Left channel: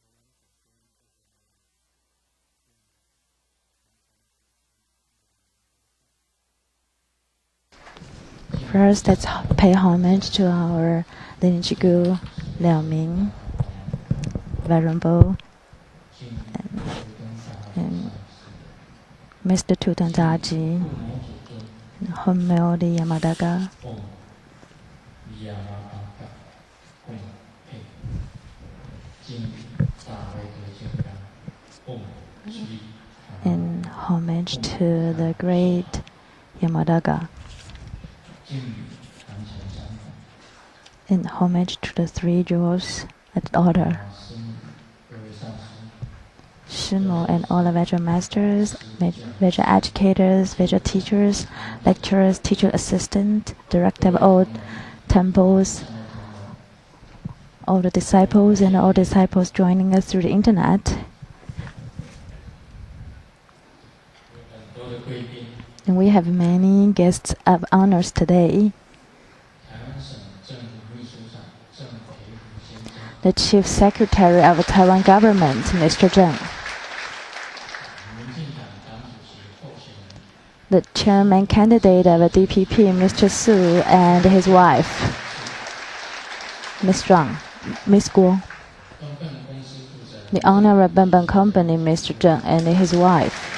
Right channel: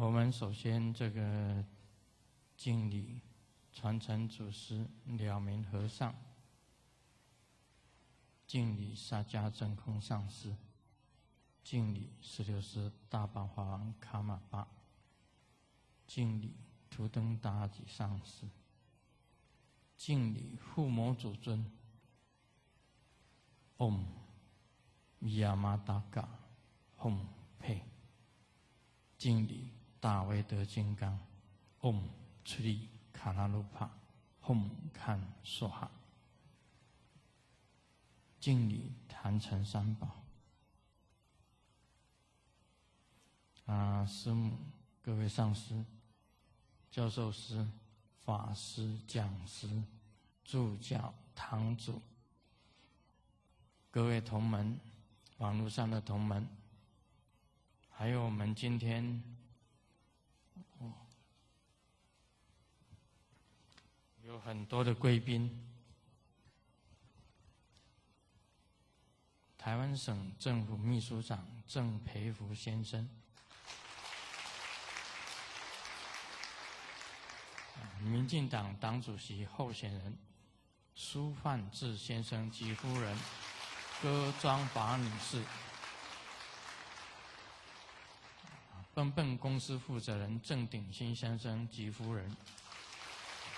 我们首先这个敬礼传承祖师了明和尚。First, let's pay homage to our lineage guru, Lian, Venerable, and Mr. Tutantaji, Hommeori Yamadaga, and homage to the great Yamadaga, in homage to the three jewels at the altar. Shimo and all the Vajra masters, Vajra educators, Vajra teachers, lecturers, teacher assistant, director of all temples, all the disciples and all disciples joining us through the internet. And we have many guests of honors today. The Chief Secretary of the Taiwan government, Mr. Tsang. The chairman candidate of the DPP, Mr. Su, and his wife, Ms. Zhang, Ms. Guo. The owner of Benben Company, Mr. Zheng, and his wife.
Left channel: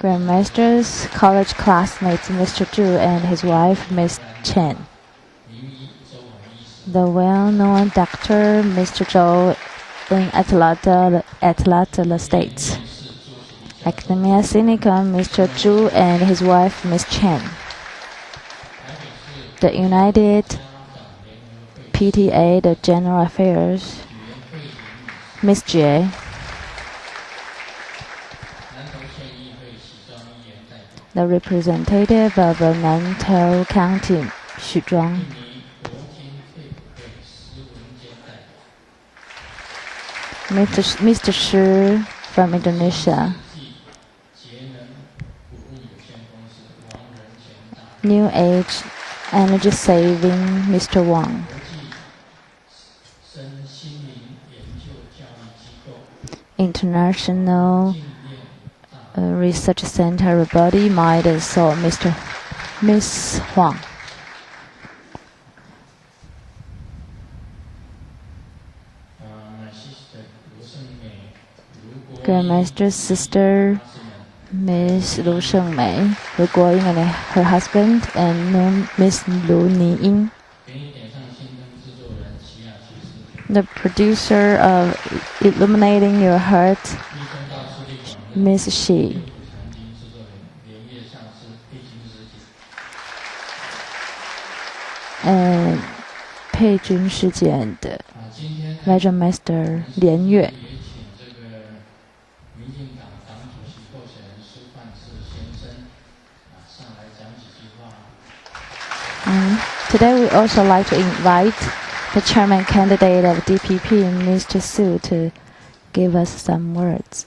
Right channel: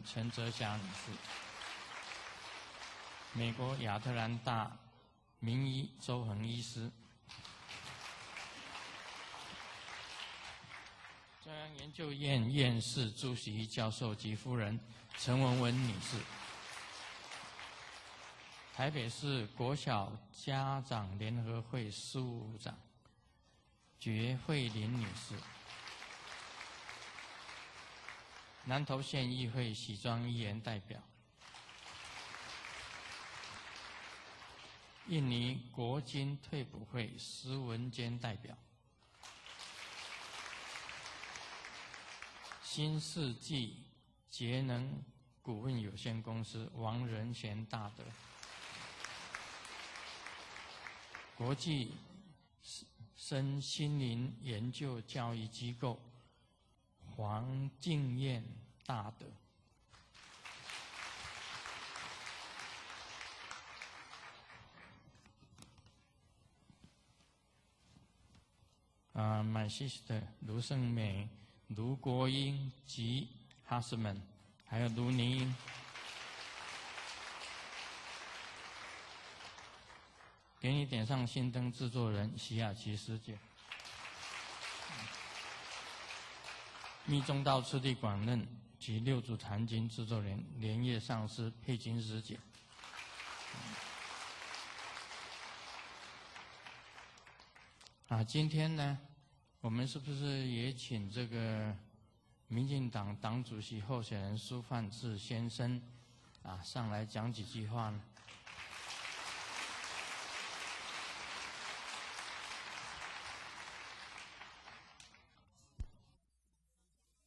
Grandmasters, college classmates, Mr. Zhu and his wife, Ms. Chen. The well-known doctor, Mr. Zhou, in Atlanta States. Academia Sinica, Mr. Zhu and his wife, Ms. Chen. The United PTA, the General Affairs, Ms. Jie. The representative of Nantou County, Xu Zhuang. Mr. Shi from Indonesia. New Age Energy Saving, Mr. Wang. International Research Center Body, Mind and Soul, Miss Huang. Grandmaster's sister, Miss Lu Sheng-mei, Lu Guoying and her husband, and Miss Lu Niying. The producer of Illuminating Your Heart, Miss Shi. And 佩君事件的 Vajra Master Lian. Today we also like to invite the chairman candidate of DPP, Mr. Su, to give us some words.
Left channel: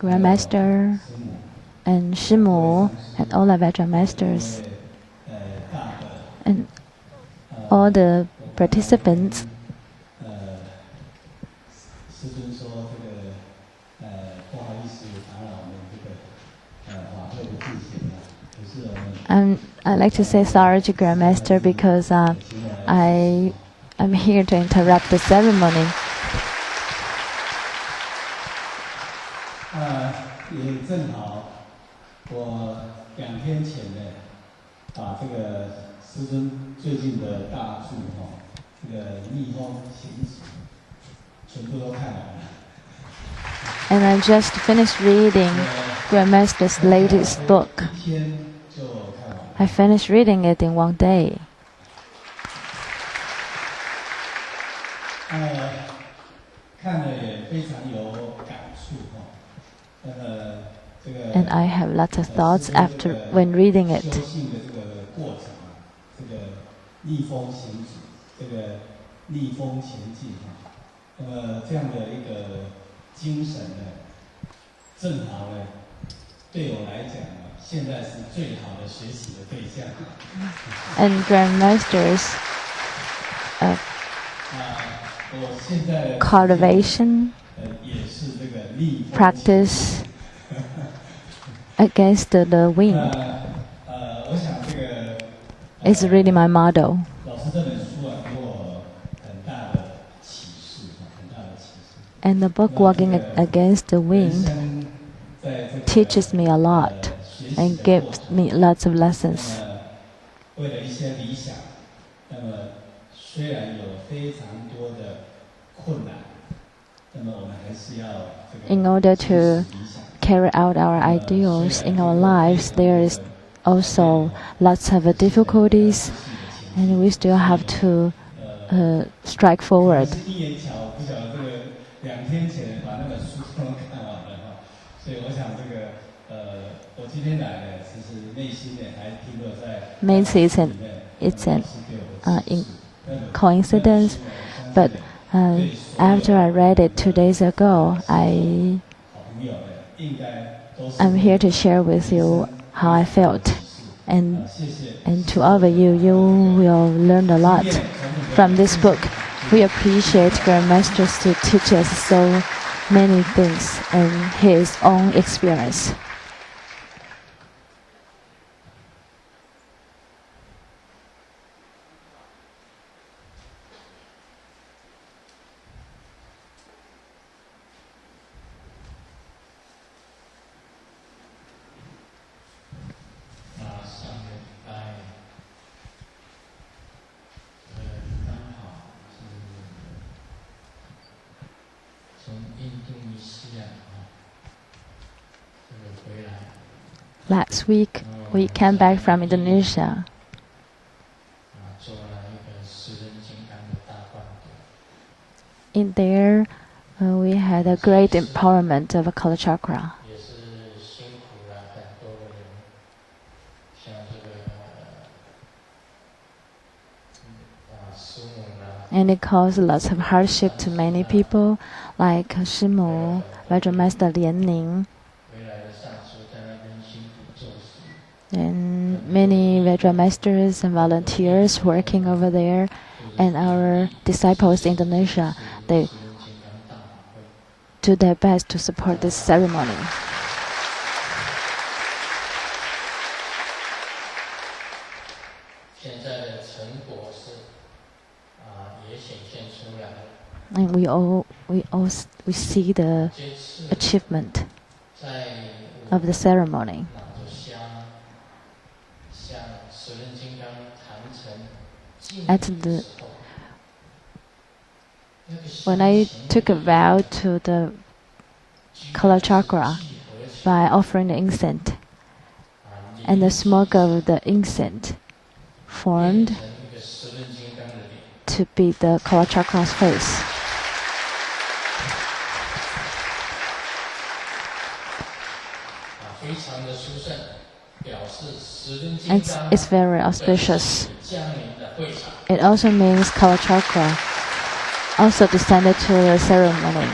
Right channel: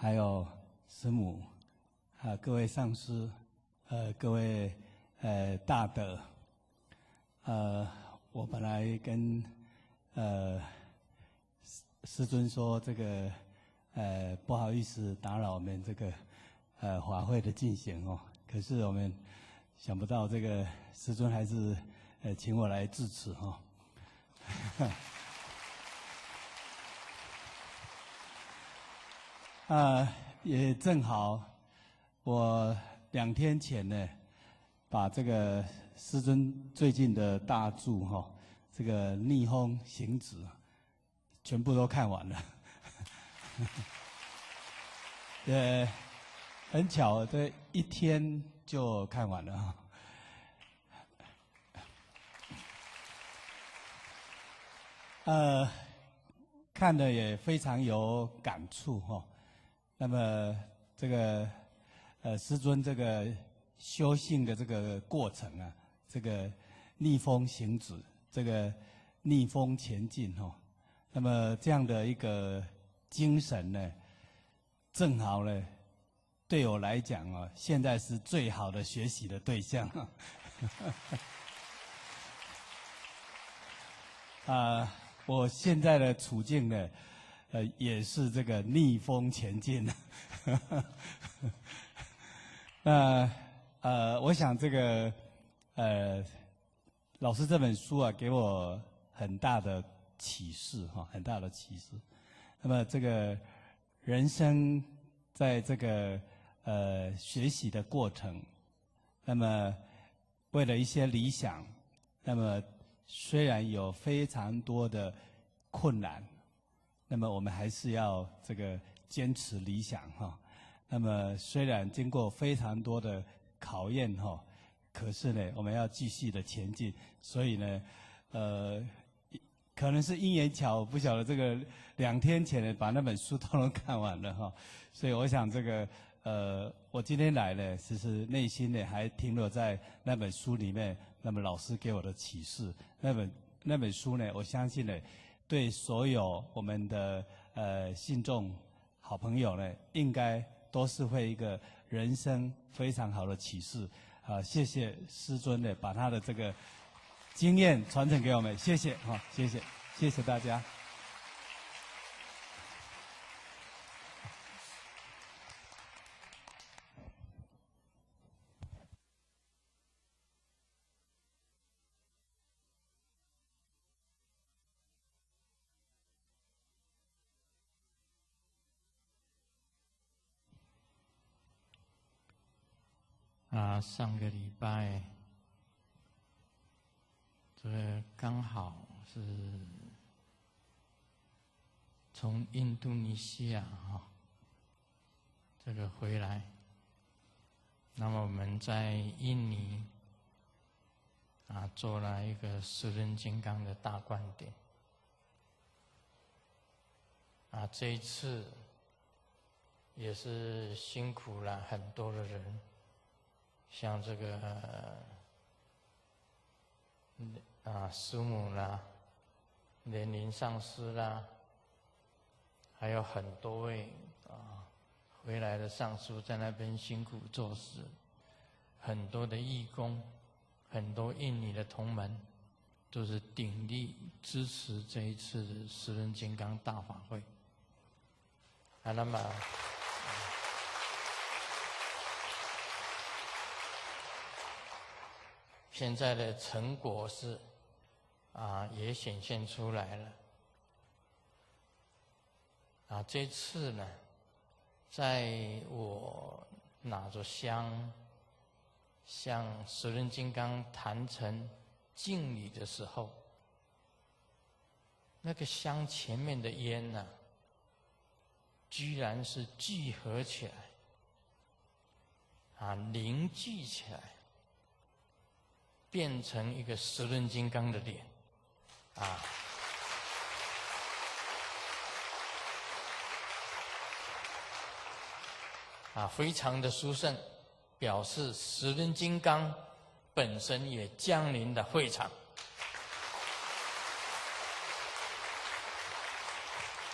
Grandmaster and Shimu and all the Vajra masters and all the participants. And I'd like to say sorry to Grandmaster because I'm here to interrupt the ceremony. 也正好，我2天前呢，把这个师尊最近的大著这个《逆风行止》全部都看完了。And I just finished reading Grandmaster's latest book. I finished reading it in one day. 看了也非常有感触 And I have lots of thoughts after when reading it. 修行的这个过程啊，这个逆风行止，这个逆风前进哈。那么这样的一个精神呢，正好呢，对我来讲啊，现在是最好的学习的对象。And grandmasters cultivation practice against the wind is really my motto. And the book Walking Against the Wind teaches me a lot and gives me lots of lessons. In order to carry out our ideals in our lives, there is also lots of difficulties, and we still have to strike forward. Maybe it's an coincidence, but after I read it 2 days ago, I'm here to share with you how I felt. And to all of you, you will learn a lot from this book. We appreciate Grandmasters to teach us so many things and his own experience. Last week, we came back from Indonesia. In there, we had a great empowerment of a color chakra. And it caused lots of hardship to many people, like Shimu, Vajramaster Lian, and many Vajramasters and volunteers working over there, and our disciples in Indonesia, they do their best to support this ceremony. And we see the achievement of the ceremony. When I took a vow to the color chakra by offering the incense, and the smoke of the incense formed to be the color chakra's face. And it's very auspicious. It also means color chakra also descended to the ceremony.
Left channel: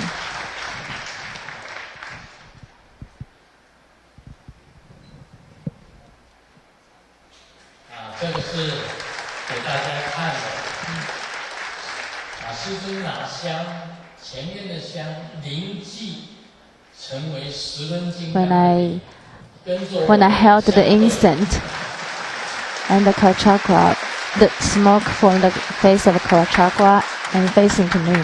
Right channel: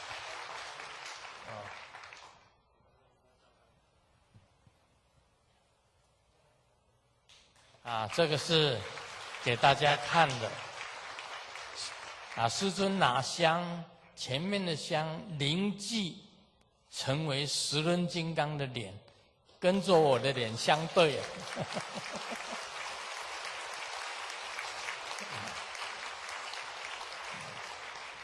When I held the incense and the color chakra, the smoke formed the face of the color chakra and facing to me.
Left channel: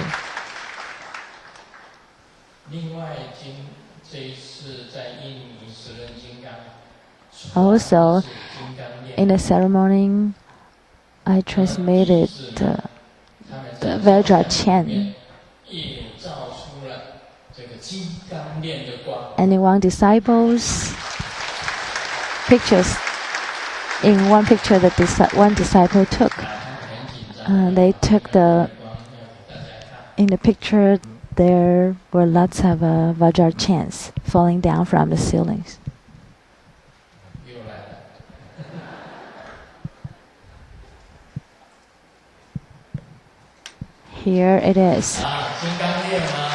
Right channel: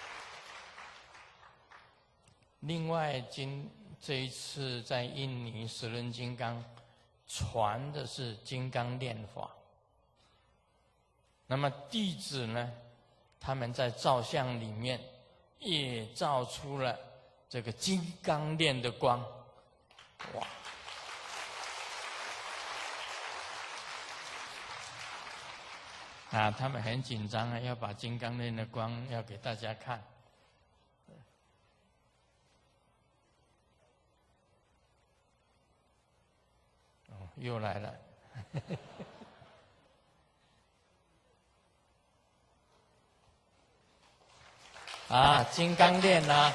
Also, in the ceremony, I transmitted the Hevajra chant. And one disciples pictures. In one picture that one disciple took, they took in the picture there were lots of Vajra chants falling down from the ceilings. 又来了。Here it is. 啊，金刚链啊，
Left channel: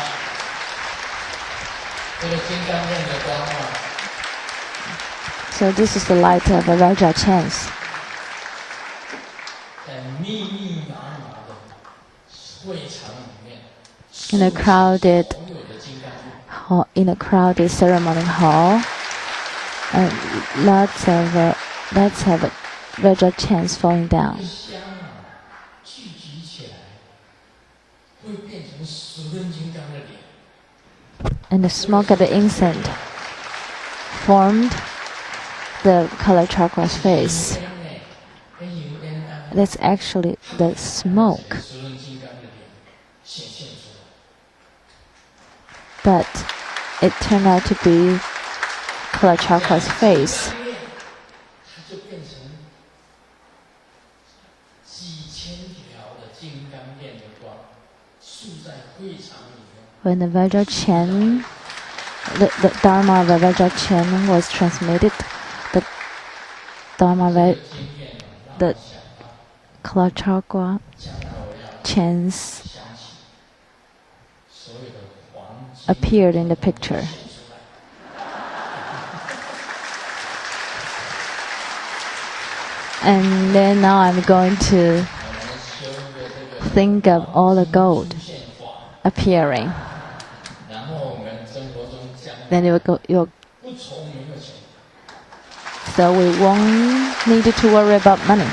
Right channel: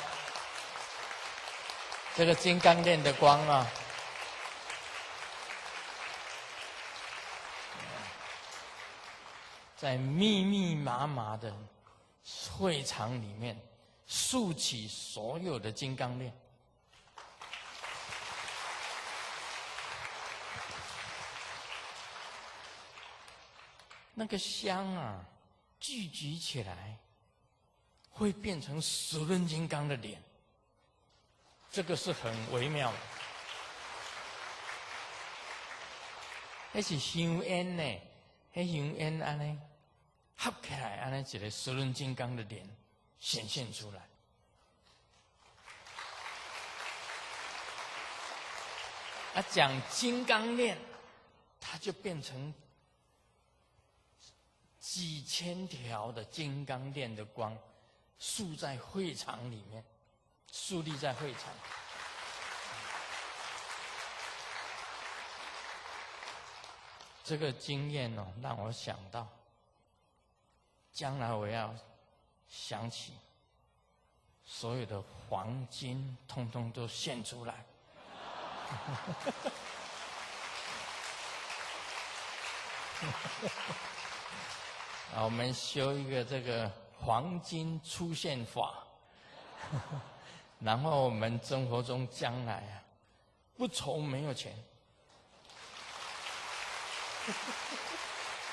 这个金刚链的光啊。So this is the light of a Vajra chants. 在密密麻麻的会场里面， In a crowded 所有的金刚链。hall, in a crowded ceremony hall, and lots of Vajra chants falling down. 香啊，聚集起来，会变成10根金刚的脸。And the smoke of the incense formed the color chakras face. That's actually the smoke. But it turned out to be color chakras face. When the Vajra chant, the Dharma of the Vajra chant was transmitted, the color chakra chants appeared in the picture. And then now I'm going to think of all the gold appearing. Then so we won't need to worry about money.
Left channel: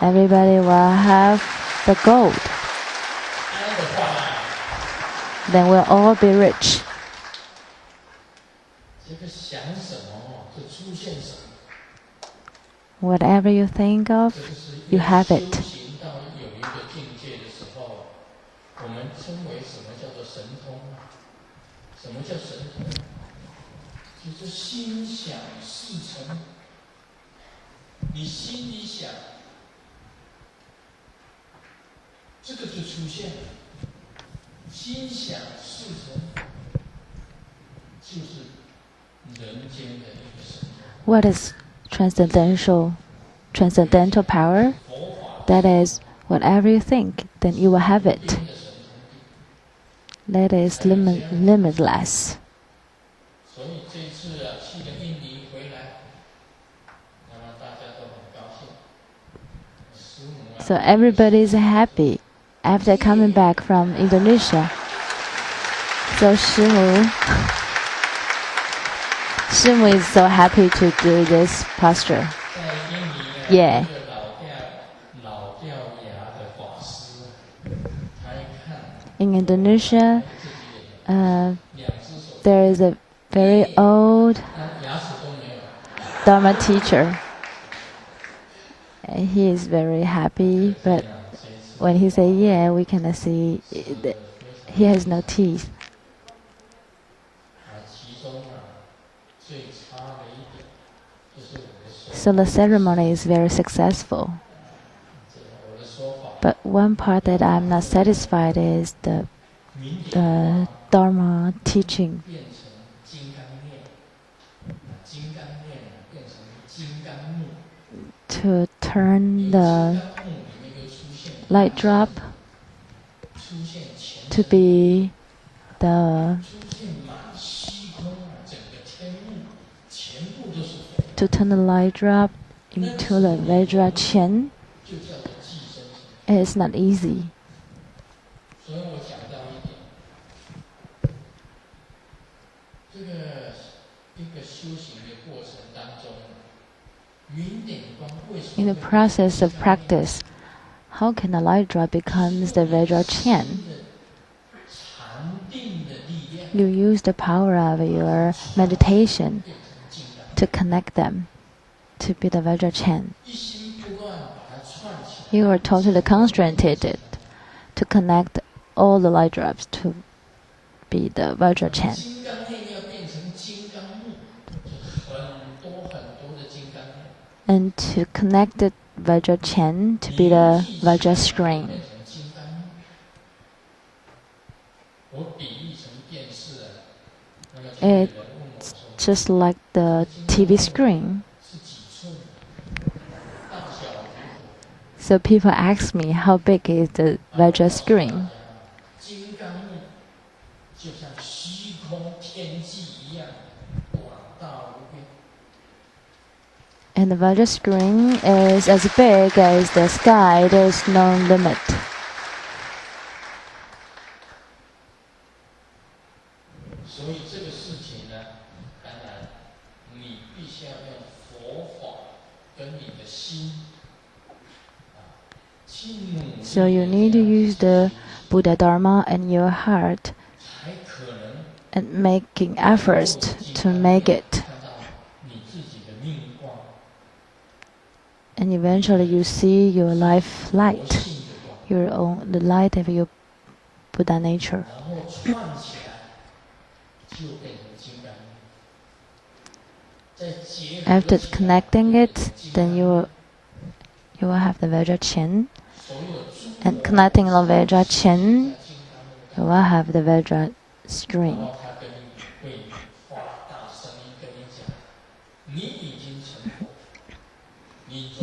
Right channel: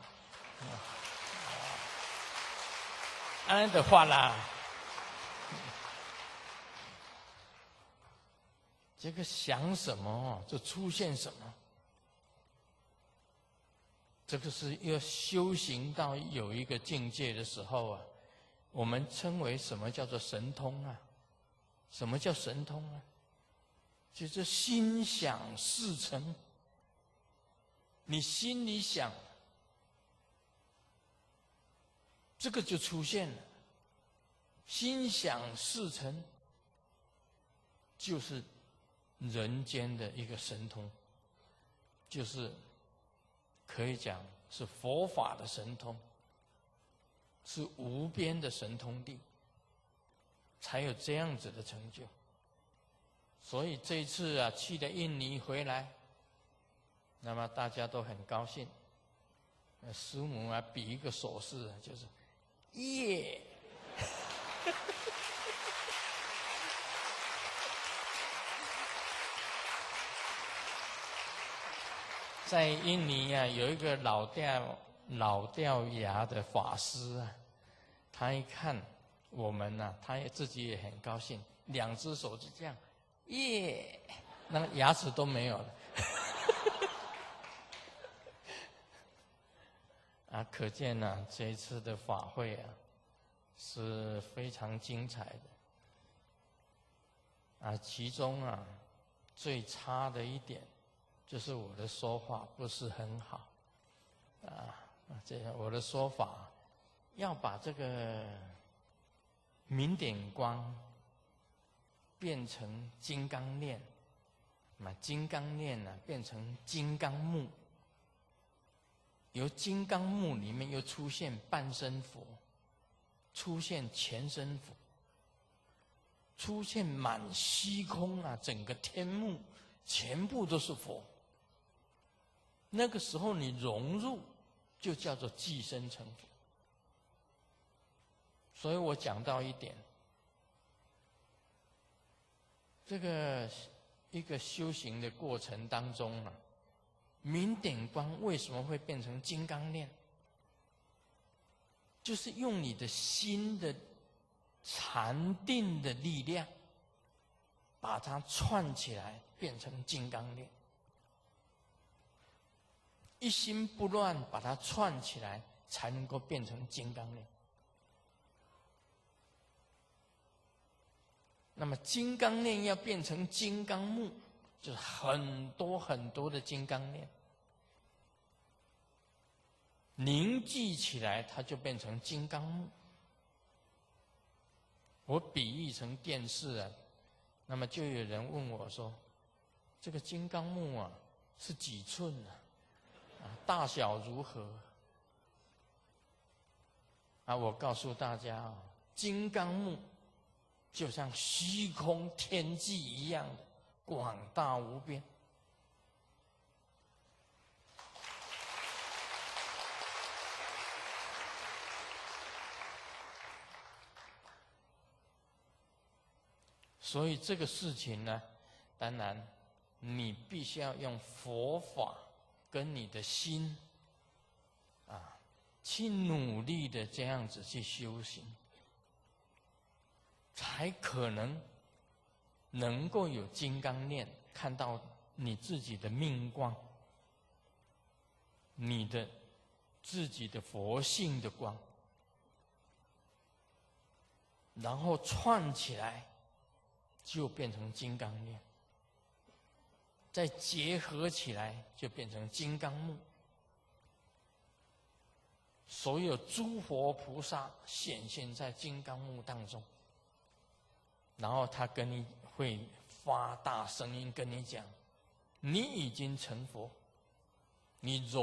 Everybody will have the gold. Then we'll all be rich. Whatever you think of, you have it. What is transcendental power? That is, whatever you think, then you will have it. That is limitless. So everybody is happy after coming back from Indonesia. So Shimu is so happy to do this posture. Yeah. In Indonesia, there is a very old Dharma teacher. He is very happy, but when he says yeah, we cannot see that he has no teeth. So the ceremony is very successful. But one part that I'm not satisfied is the Dharma teaching. To turn the light drop to be to turn the light drop into the Vajra chant is not easy. In the process of practice, how can the light drop becomes the Vajra chant? You use the power of your meditation to connect them to be the Vajra chant. You are totally concentrated to connect all the light drops to be the Vajra chant. And to connect the Vajra chant to be the Vajra screen. It's just like the TV screen. So people ask me, how big is the Vajra screen? And the Vajra screen is as big as the sky. There is no limit. So you need to use the Buddha Dharma and your heart and making efforts to make it. And eventually you see your life light, the light of your Buddha nature. After connecting it, then you will have the Vajra Chen. And connecting the Vajra Chen, you will have the Vajra string.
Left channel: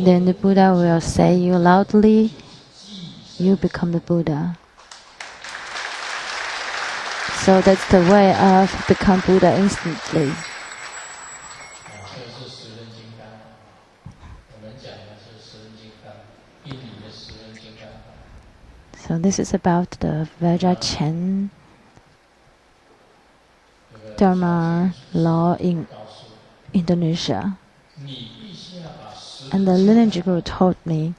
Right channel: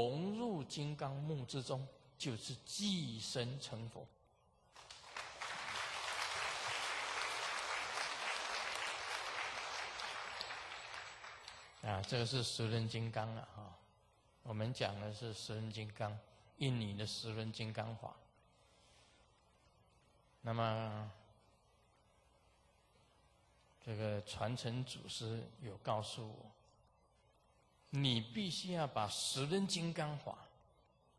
Then the Buddha will say you loudly, you become the Buddha. So that's the way of become Buddha instantly. So this is about the Vajra Chen Dharma law in Indonesia. And the lineage guru told me,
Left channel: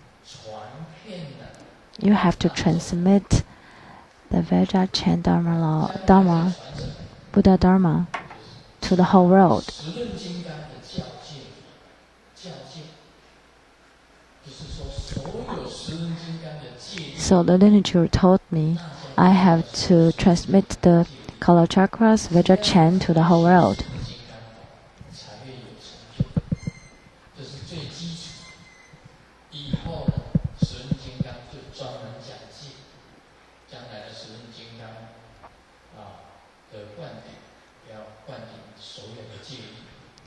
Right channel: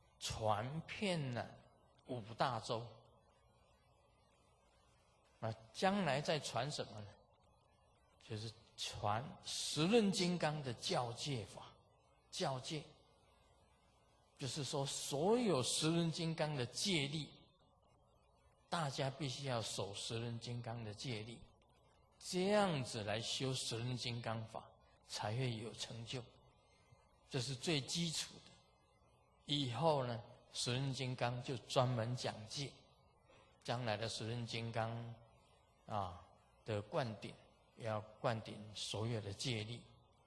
you have to transmit the Vajra Chen Dharma, Buddha Dharma, to the whole world. So the lineage guru told me, I have to transmit the color chakras, Vajra Chen, to the whole world.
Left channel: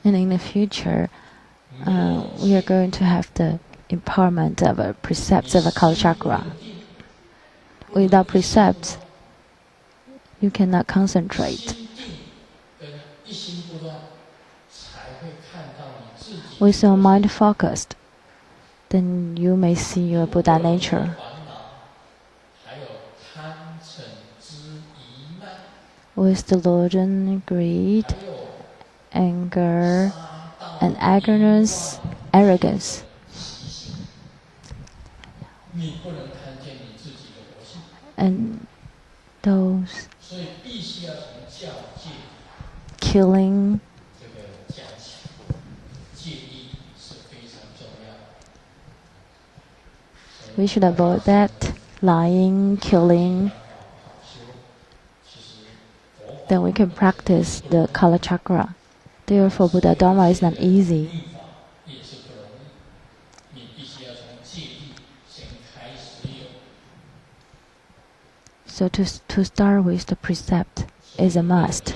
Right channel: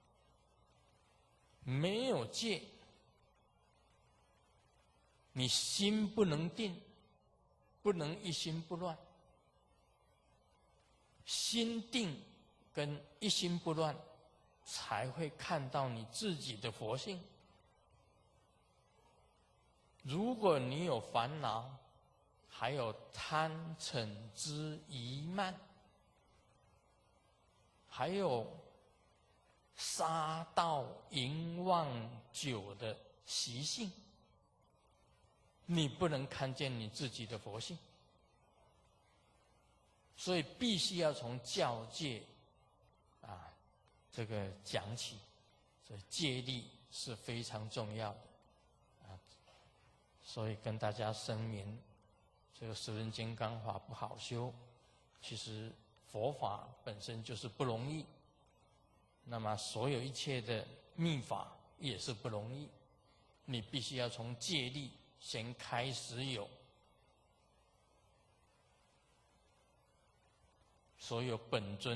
And in the future, we are going to have the empowerment of a precepts of a color chakra. Without precepts, you cannot concentrate. With your mind focused, then you may see your Buddha nature. With delusion, greed, anger, and arrogance. And those killing, we should avoid that, lying, killing. Then we can practice the color chakra. Therefore, Buddha Dharma is not easy. So to start with the precept is a must.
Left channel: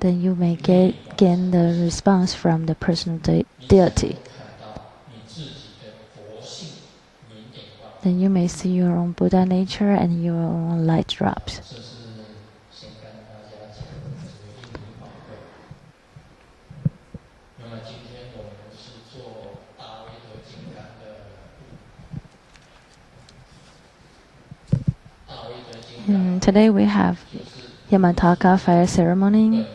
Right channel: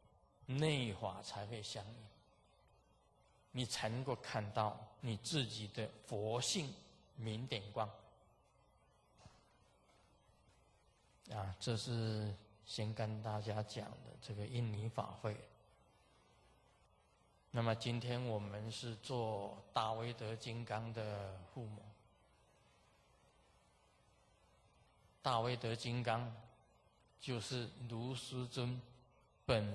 Then you may gain the response from the personal deity. Then you may see your own Buddha nature and your own light drops. Today we have Yamataka fire ceremony.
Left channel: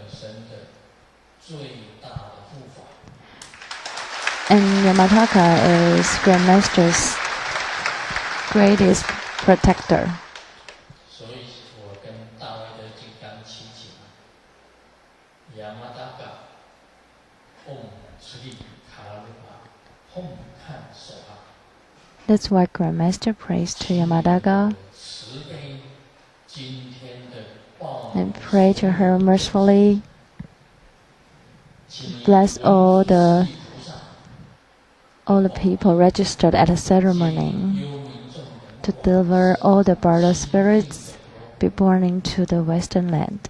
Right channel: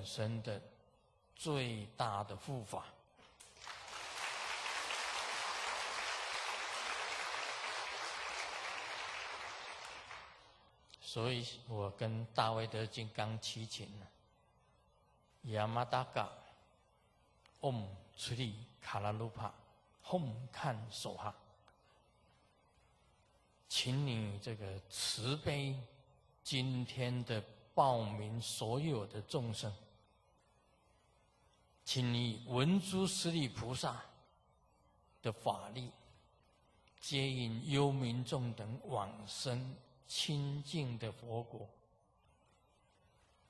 And Yamataka is Grandmaster's greatest protector. That's why Grandmaster prays to Yamataka and pray to her mercifully. Bless all the people registered at the ceremony to deliver all the bardo spirits be born into the Western land.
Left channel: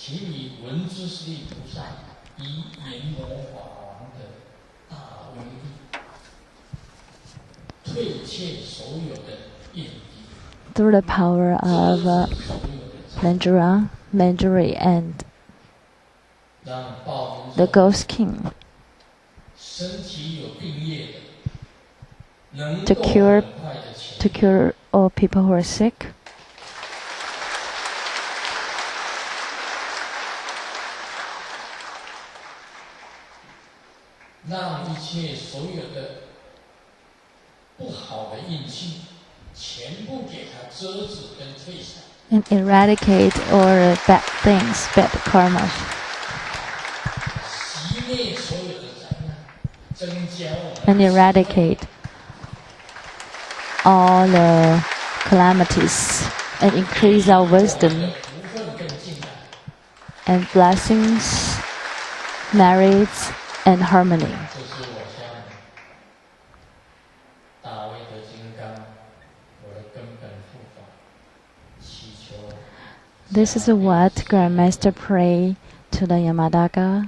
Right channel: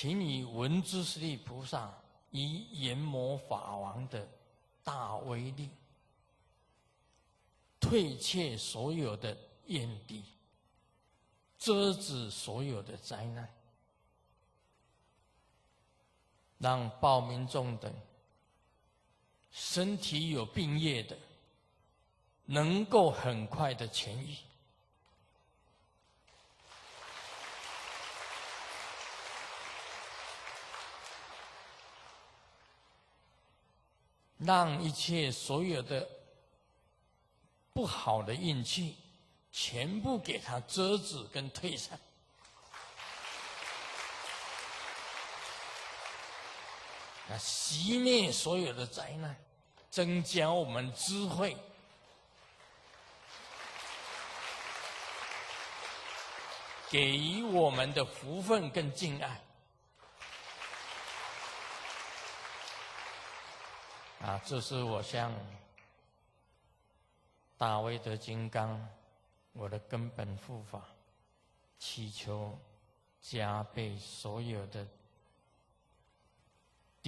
请以文殊师利菩萨以阎魔法王的大威力，退却所有的怨敌。Through the power of Vajrayana and the Ghost King, to cure all people who are sick, and eradicate all the bad things, bad karma, and eradicate all the calamities, and increase our wisdom and blessings, merits, and harmony. This is what Grandmaster prayed to the Yamadaka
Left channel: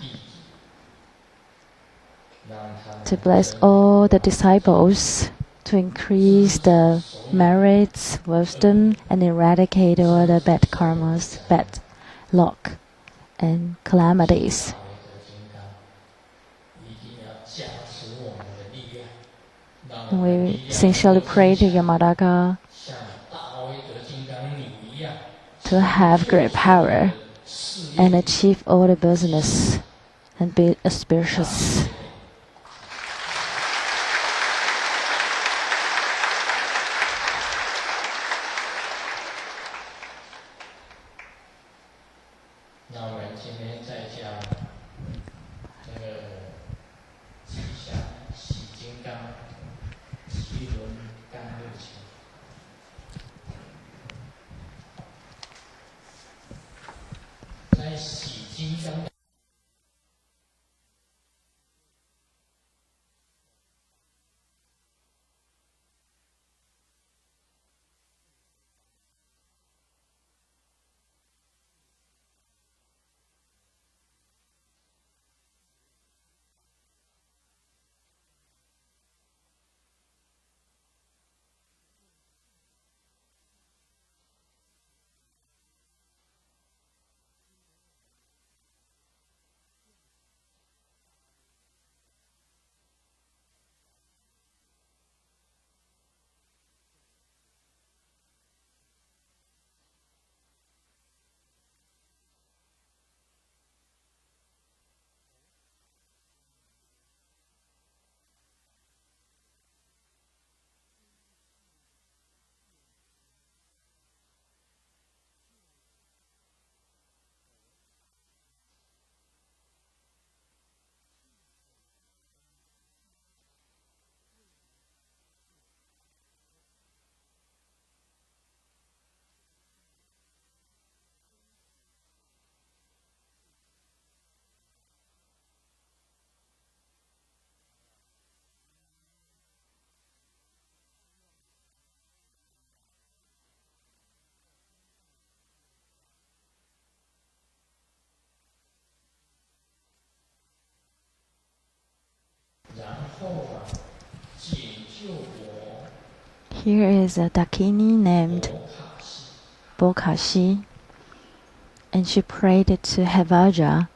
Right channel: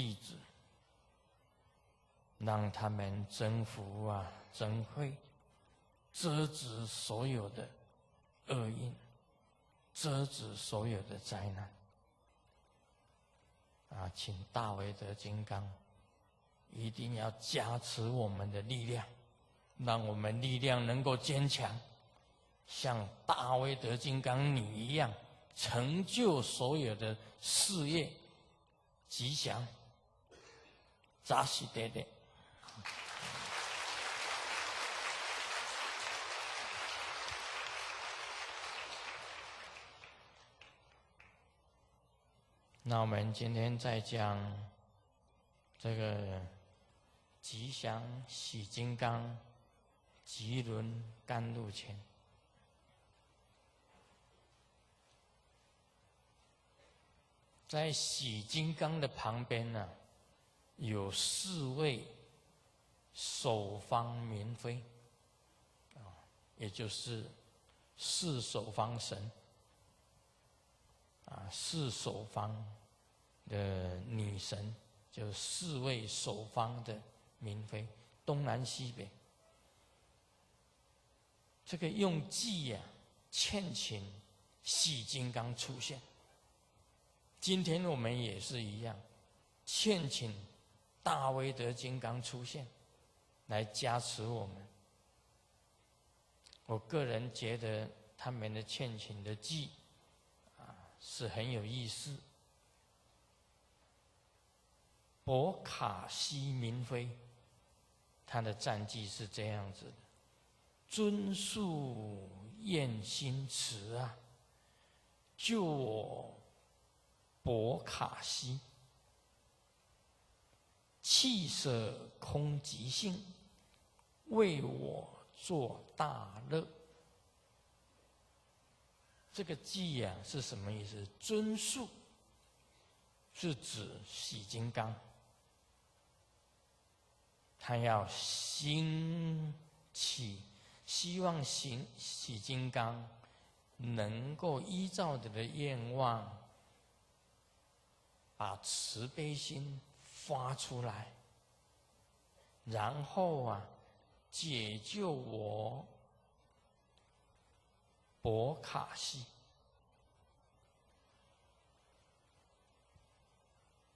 to bless all the disciples, to increase the merits, wisdom, and eradicate all the bad karmas, bad luck, and calamities. We sincerely pray to Yamadaka to have great power and achieve all the business and be auspicious. Four 位守方明妃，也就是四守方神四守方的女神，就四位守方的明妃，东南西北。这个用计劝请洗金刚出现。今天我们也是一样，劝请大威德金刚出现，来加持我们。我个人觉得他们的劝请的偈是很有意思。博卡西明妃，他的赞偈是这样子的：尊述愿心慈救我博卡西。弃舍空即性，为我作大乐。这个偈是什么意思？尊述是指洗金刚，他要兴起，希望洗金刚能够依照你的愿望，把慈悲心发出来，然后解救我。Here is a Dakini named Bokashi, and she prayed to Hevajra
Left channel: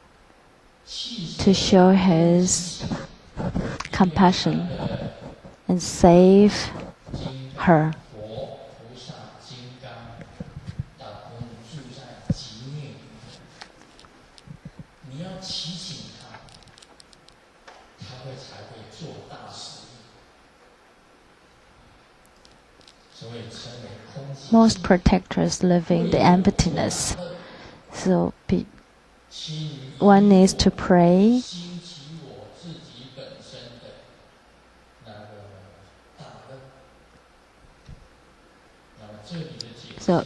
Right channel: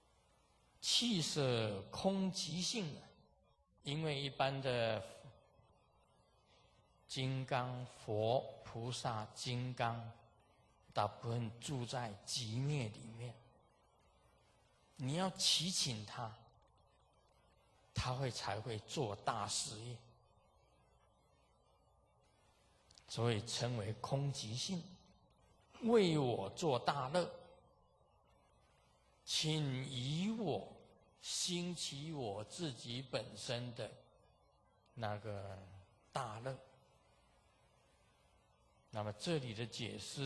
to show his compassion and save her. Most protectors live in the emptiness. So one needs to pray so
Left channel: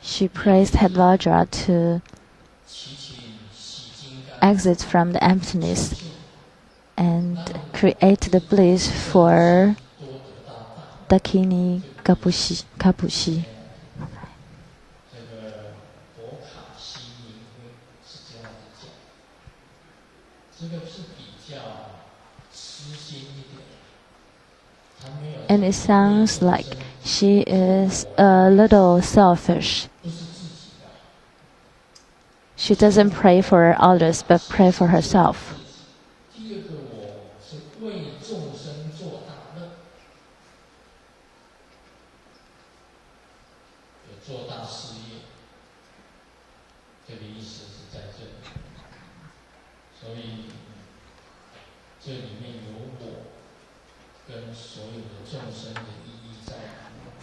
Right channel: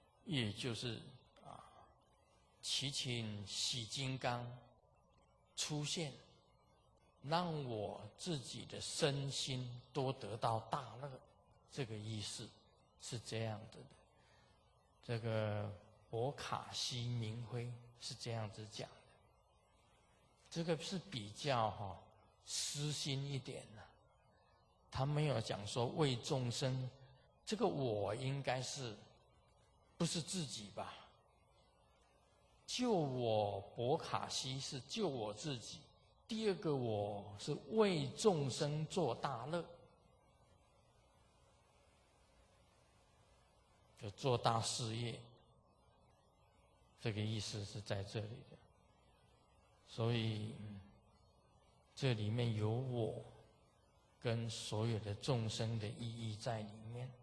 she praised Hevajra to exit from the emptiness and create the bliss for Dakini Kapushi. And it sounds like she is a little selfish. She doesn't pray for others, but pray for herself.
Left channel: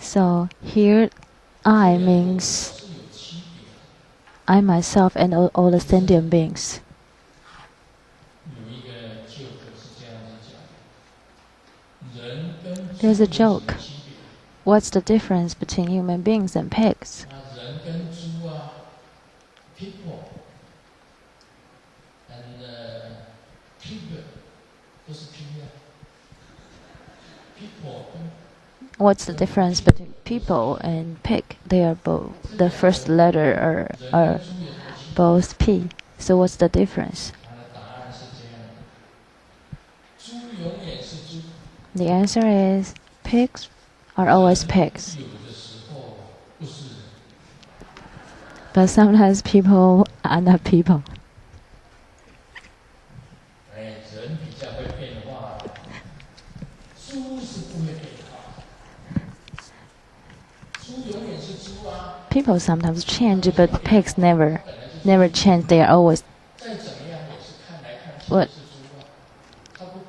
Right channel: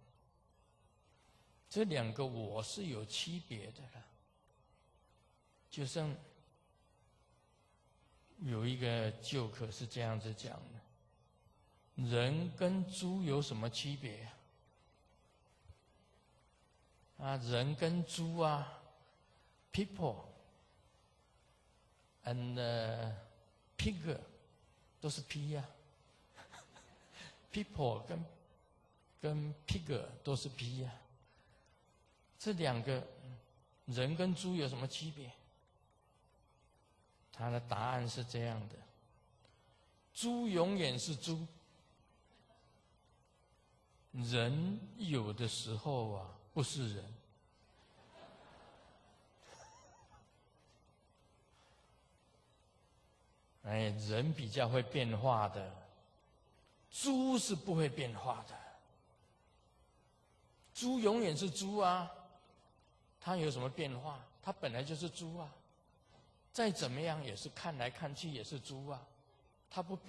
So here, I means I myself and all the sentient beings. There's a joke. What's the difference between human beings and pigs? What's the difference between people and pig? They are both, the first letter are both P. So what's the difference? The answer is pigs are always pigs. But sometimes people are not people. People sometimes change, but pigs never change. They are always. What?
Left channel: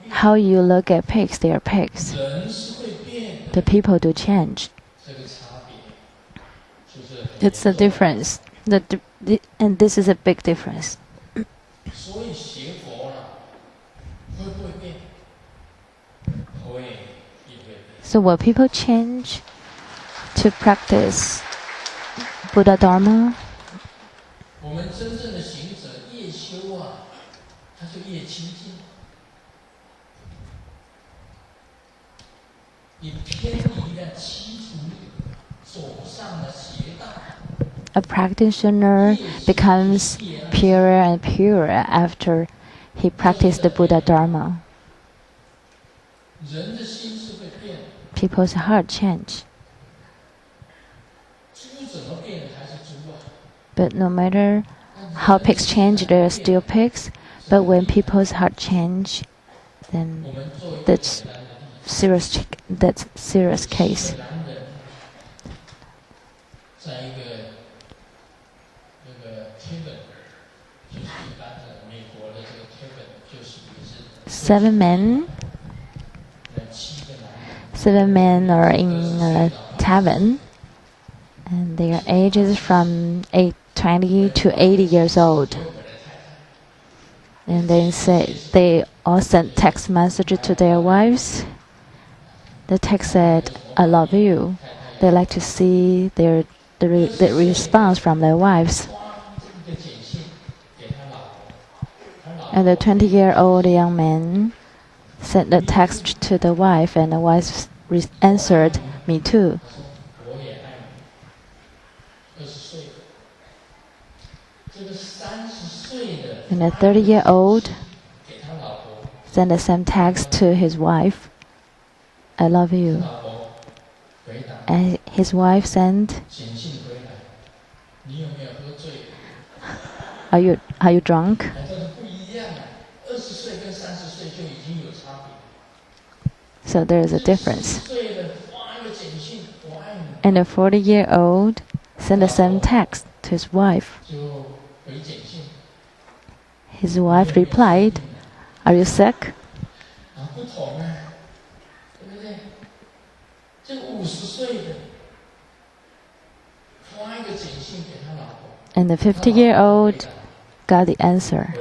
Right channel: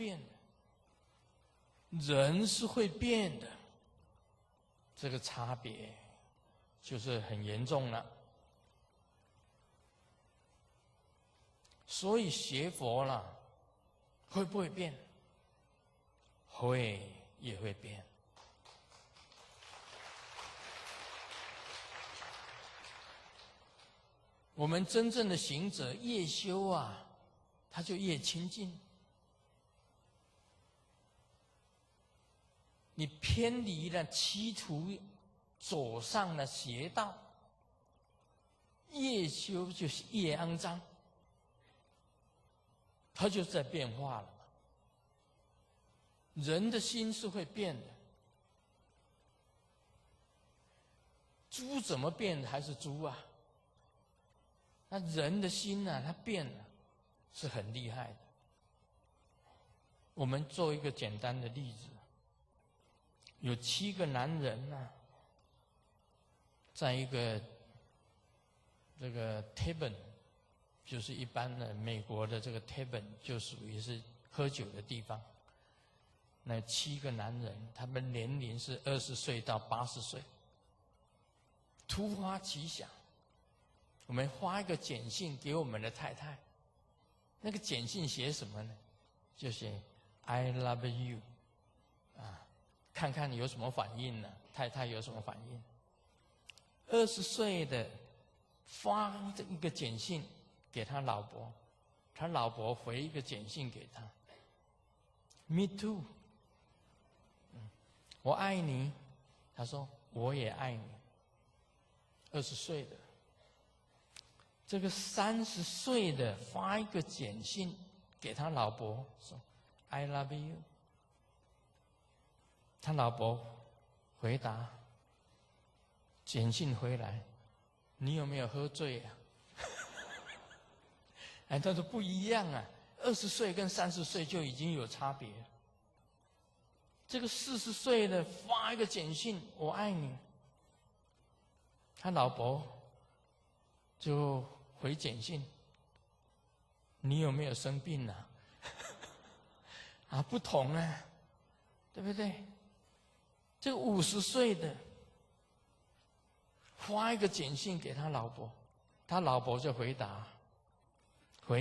How you look at pigs, they are pigs. The people do change. It's the difference. And this is a big difference. So will people change to practice Buddha Dharma? A practitioner becomes purer and purer after he practiced the Buddha Dharma. People's heart change. But no matter how pigs change, they are still pigs. But when people's heart change, then that's serious case. Seven men are in a tavern, and their ages from 20 to 80 years old. And they all sent text messages to their wives. The text said, "I love you." They like to see the response from their wives. And the 20-year-old young man sent the text to the wife, and the wife answered, "Me too." And the 30-year-old sent the same text to his wife, "I love you." And his wife sent, Are you drunk? So there is a difference. And the 40-year-old sent the same text to his wife. His wife replied, "Are you sick?" And the 50-year-old got the answer.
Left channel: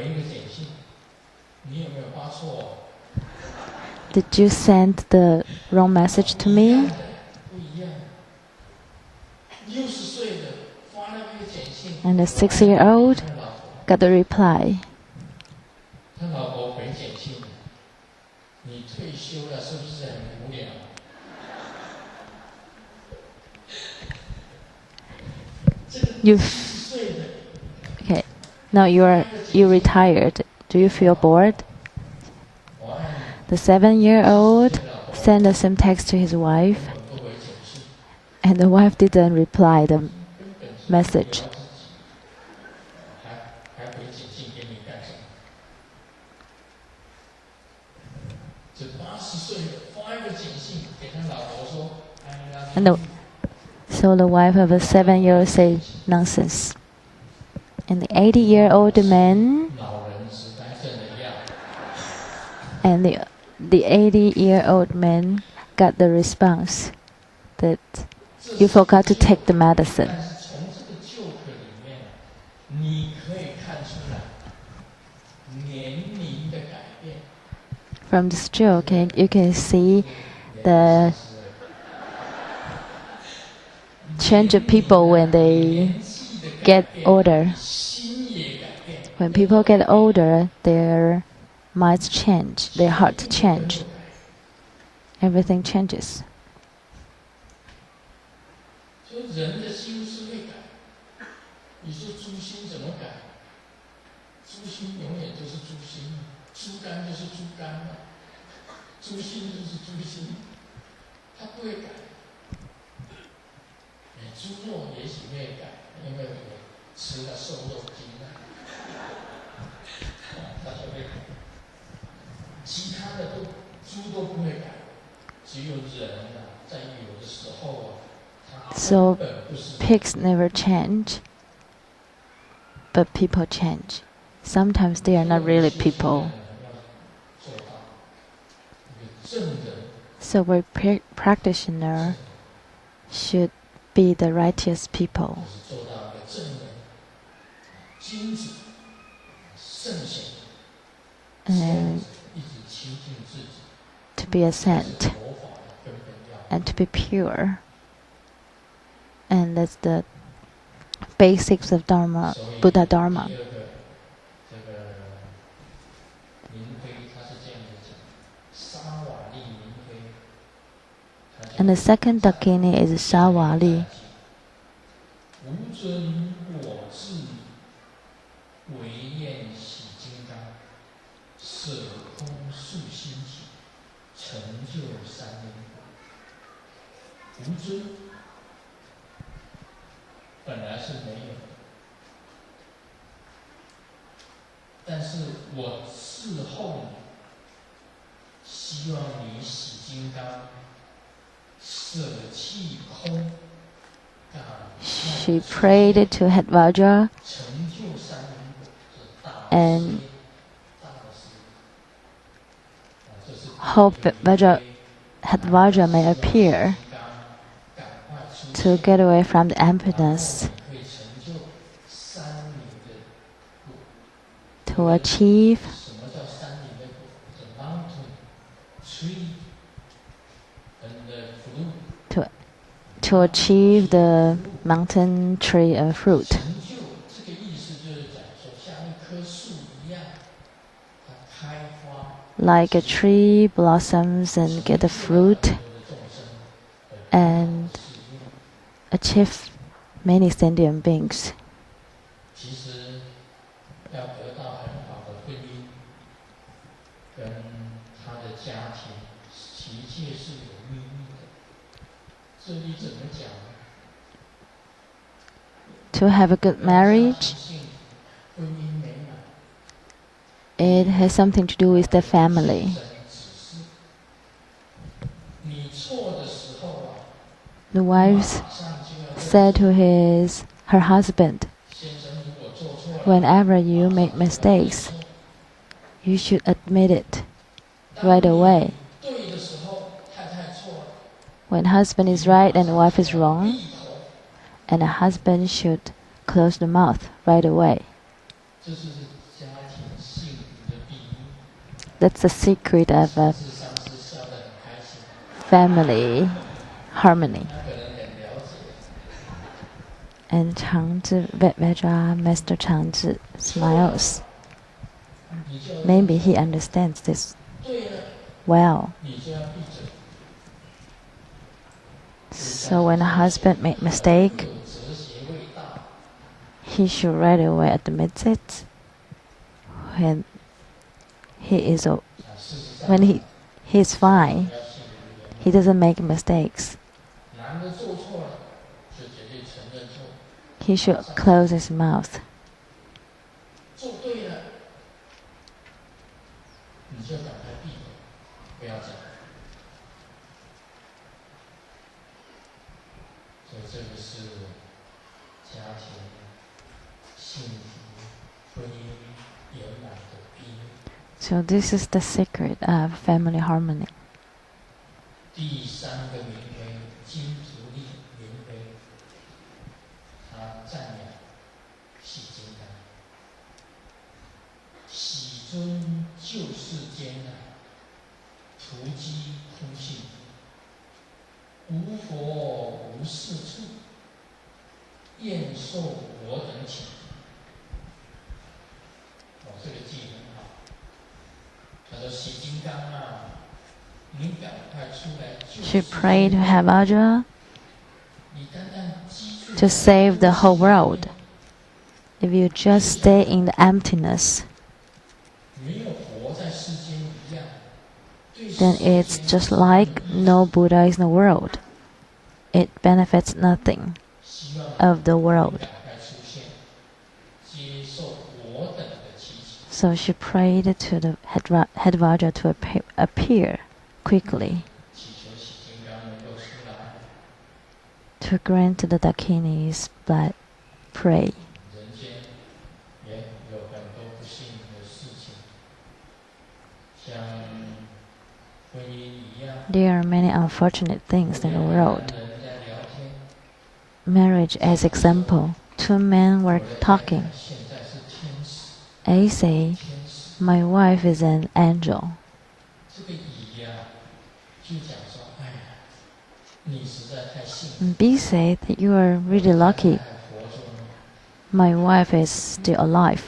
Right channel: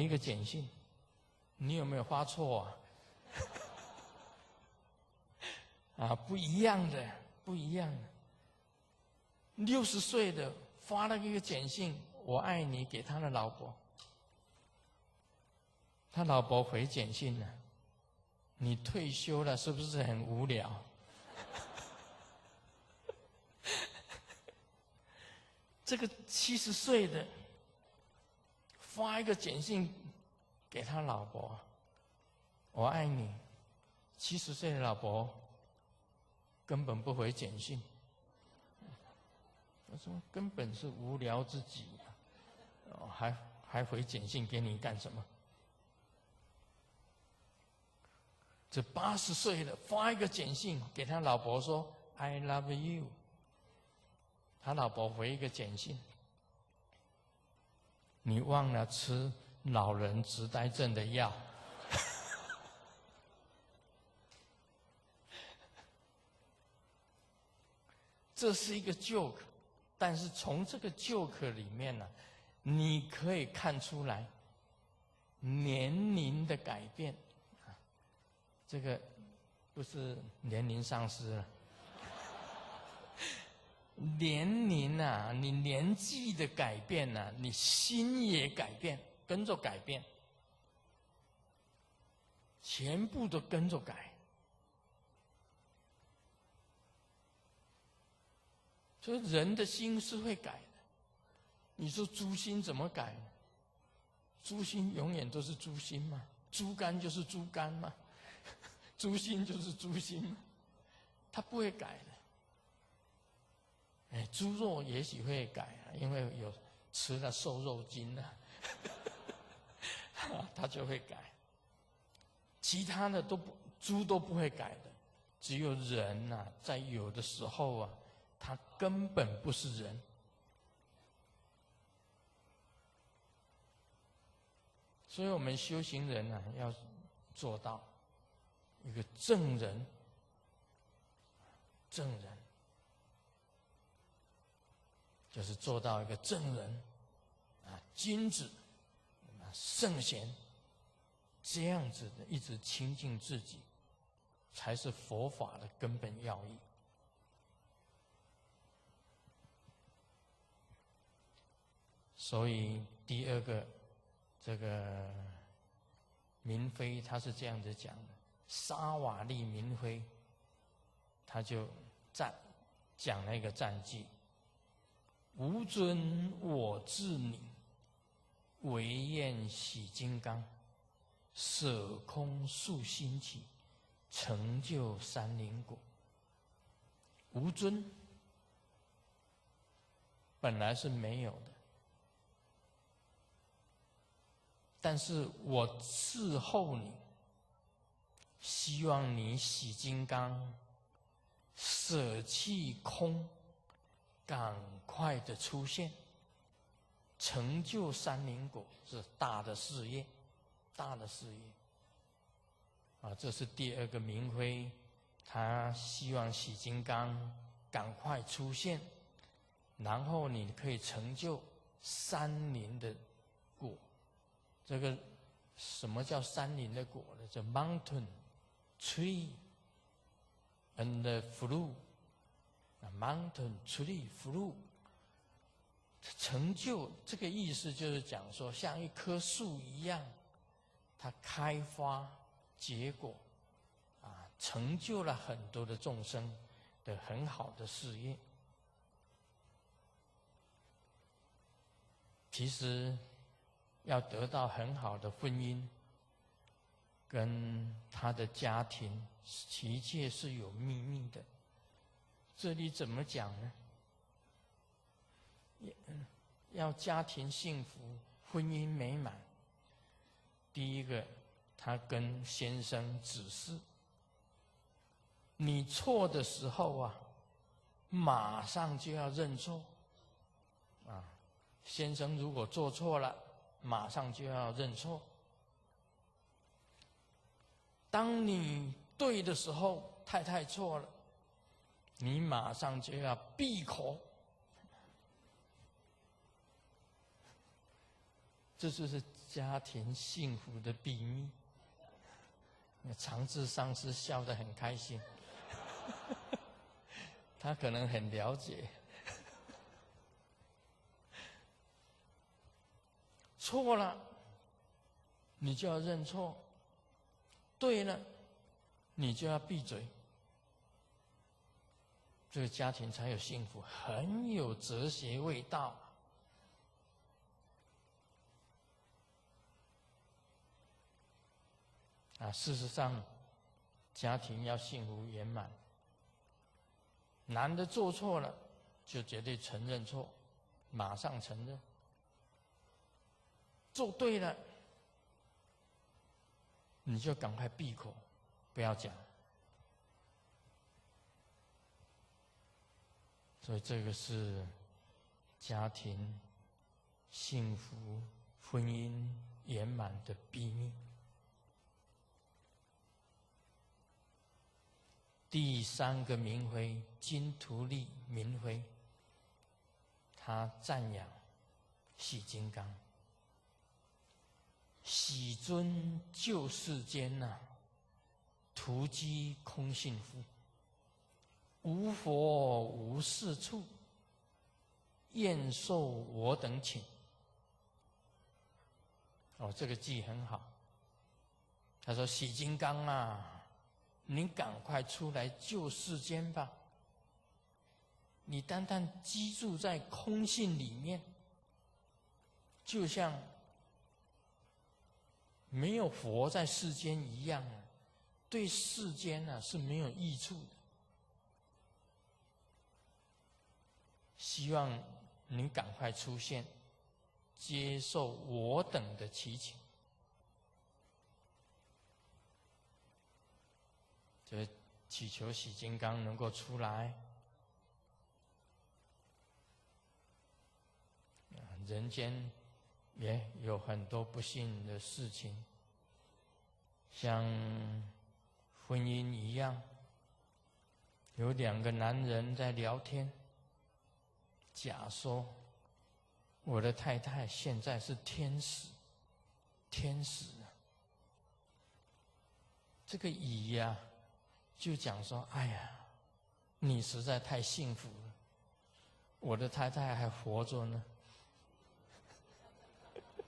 "Did you send the wrong message to me?" And the 6-year-old got the reply. Okay, now you retired. Do you feel bored? The 7-year-old sent the same text to his wife, and the wife didn't reply the message. So the wife of a 7-year-old said, nonsense. And the 80-year-old man, and the 80-year-old man got the response that you forgot to take the medicine. From this joke, you can see the change of people when they get older. When people get older, their minds change, their hearts change. Everything changes. So pigs never change, but people change. Sometimes they are not really people. So a practitioner should be the righteous people. And to be a saint and to be pure. And that's the basics of Dharma, Buddha Dharma. And the second dakini is Sawali. She prayed to Hevajra and hope that Hevajra may appear to get away from the emptiness, to achieve the mountain tree and fruit. Like a tree blossoms and get the fruit and achieve many sentient beings. To have a good marriage, it has something to do with the family. The wife said to her husband, whenever you make mistakes, you should admit it right away. When husband is right and wife is wrong, and a husband should close the mouth right away. That's the secret of a family harmony. And Changzhi, Vajrayana Master Changzhi smiles. Maybe he understands this well. So when a husband makes a mistake, he should right away admit it. When he he's fine. He doesn't make mistakes. He should close his mouth. So this is the secret of family harmony. She prayed to Hevajra to save the whole world. If you just stay in the emptiness, then it's just like no Buddha is in the world. It benefits nothing of the world. So she prayed to the Hevajra to appear quickly, to grant the Dakini's blood pray. There are many unfortunate things in the world. Marriage as example. Two men were talking. A say, "My wife is an angel." And B said that you are really lucky. My wife is still alive.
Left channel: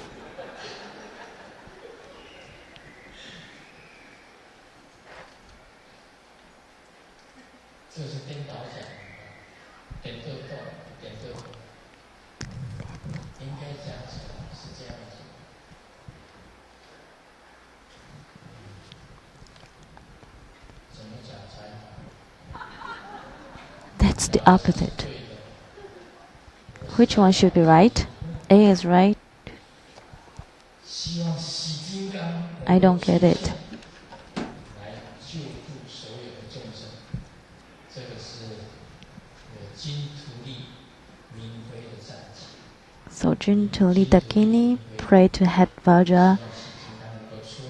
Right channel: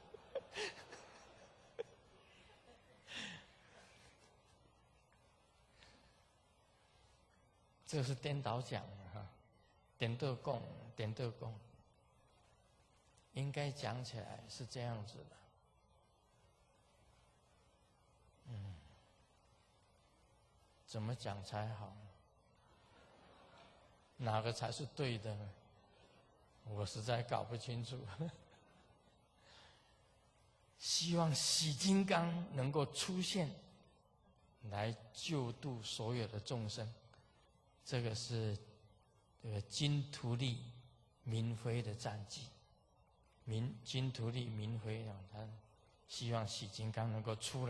That's the opposite. Which one should be right? A is right. I don't get it. So Jintuli Dakini prayed to Hevajra.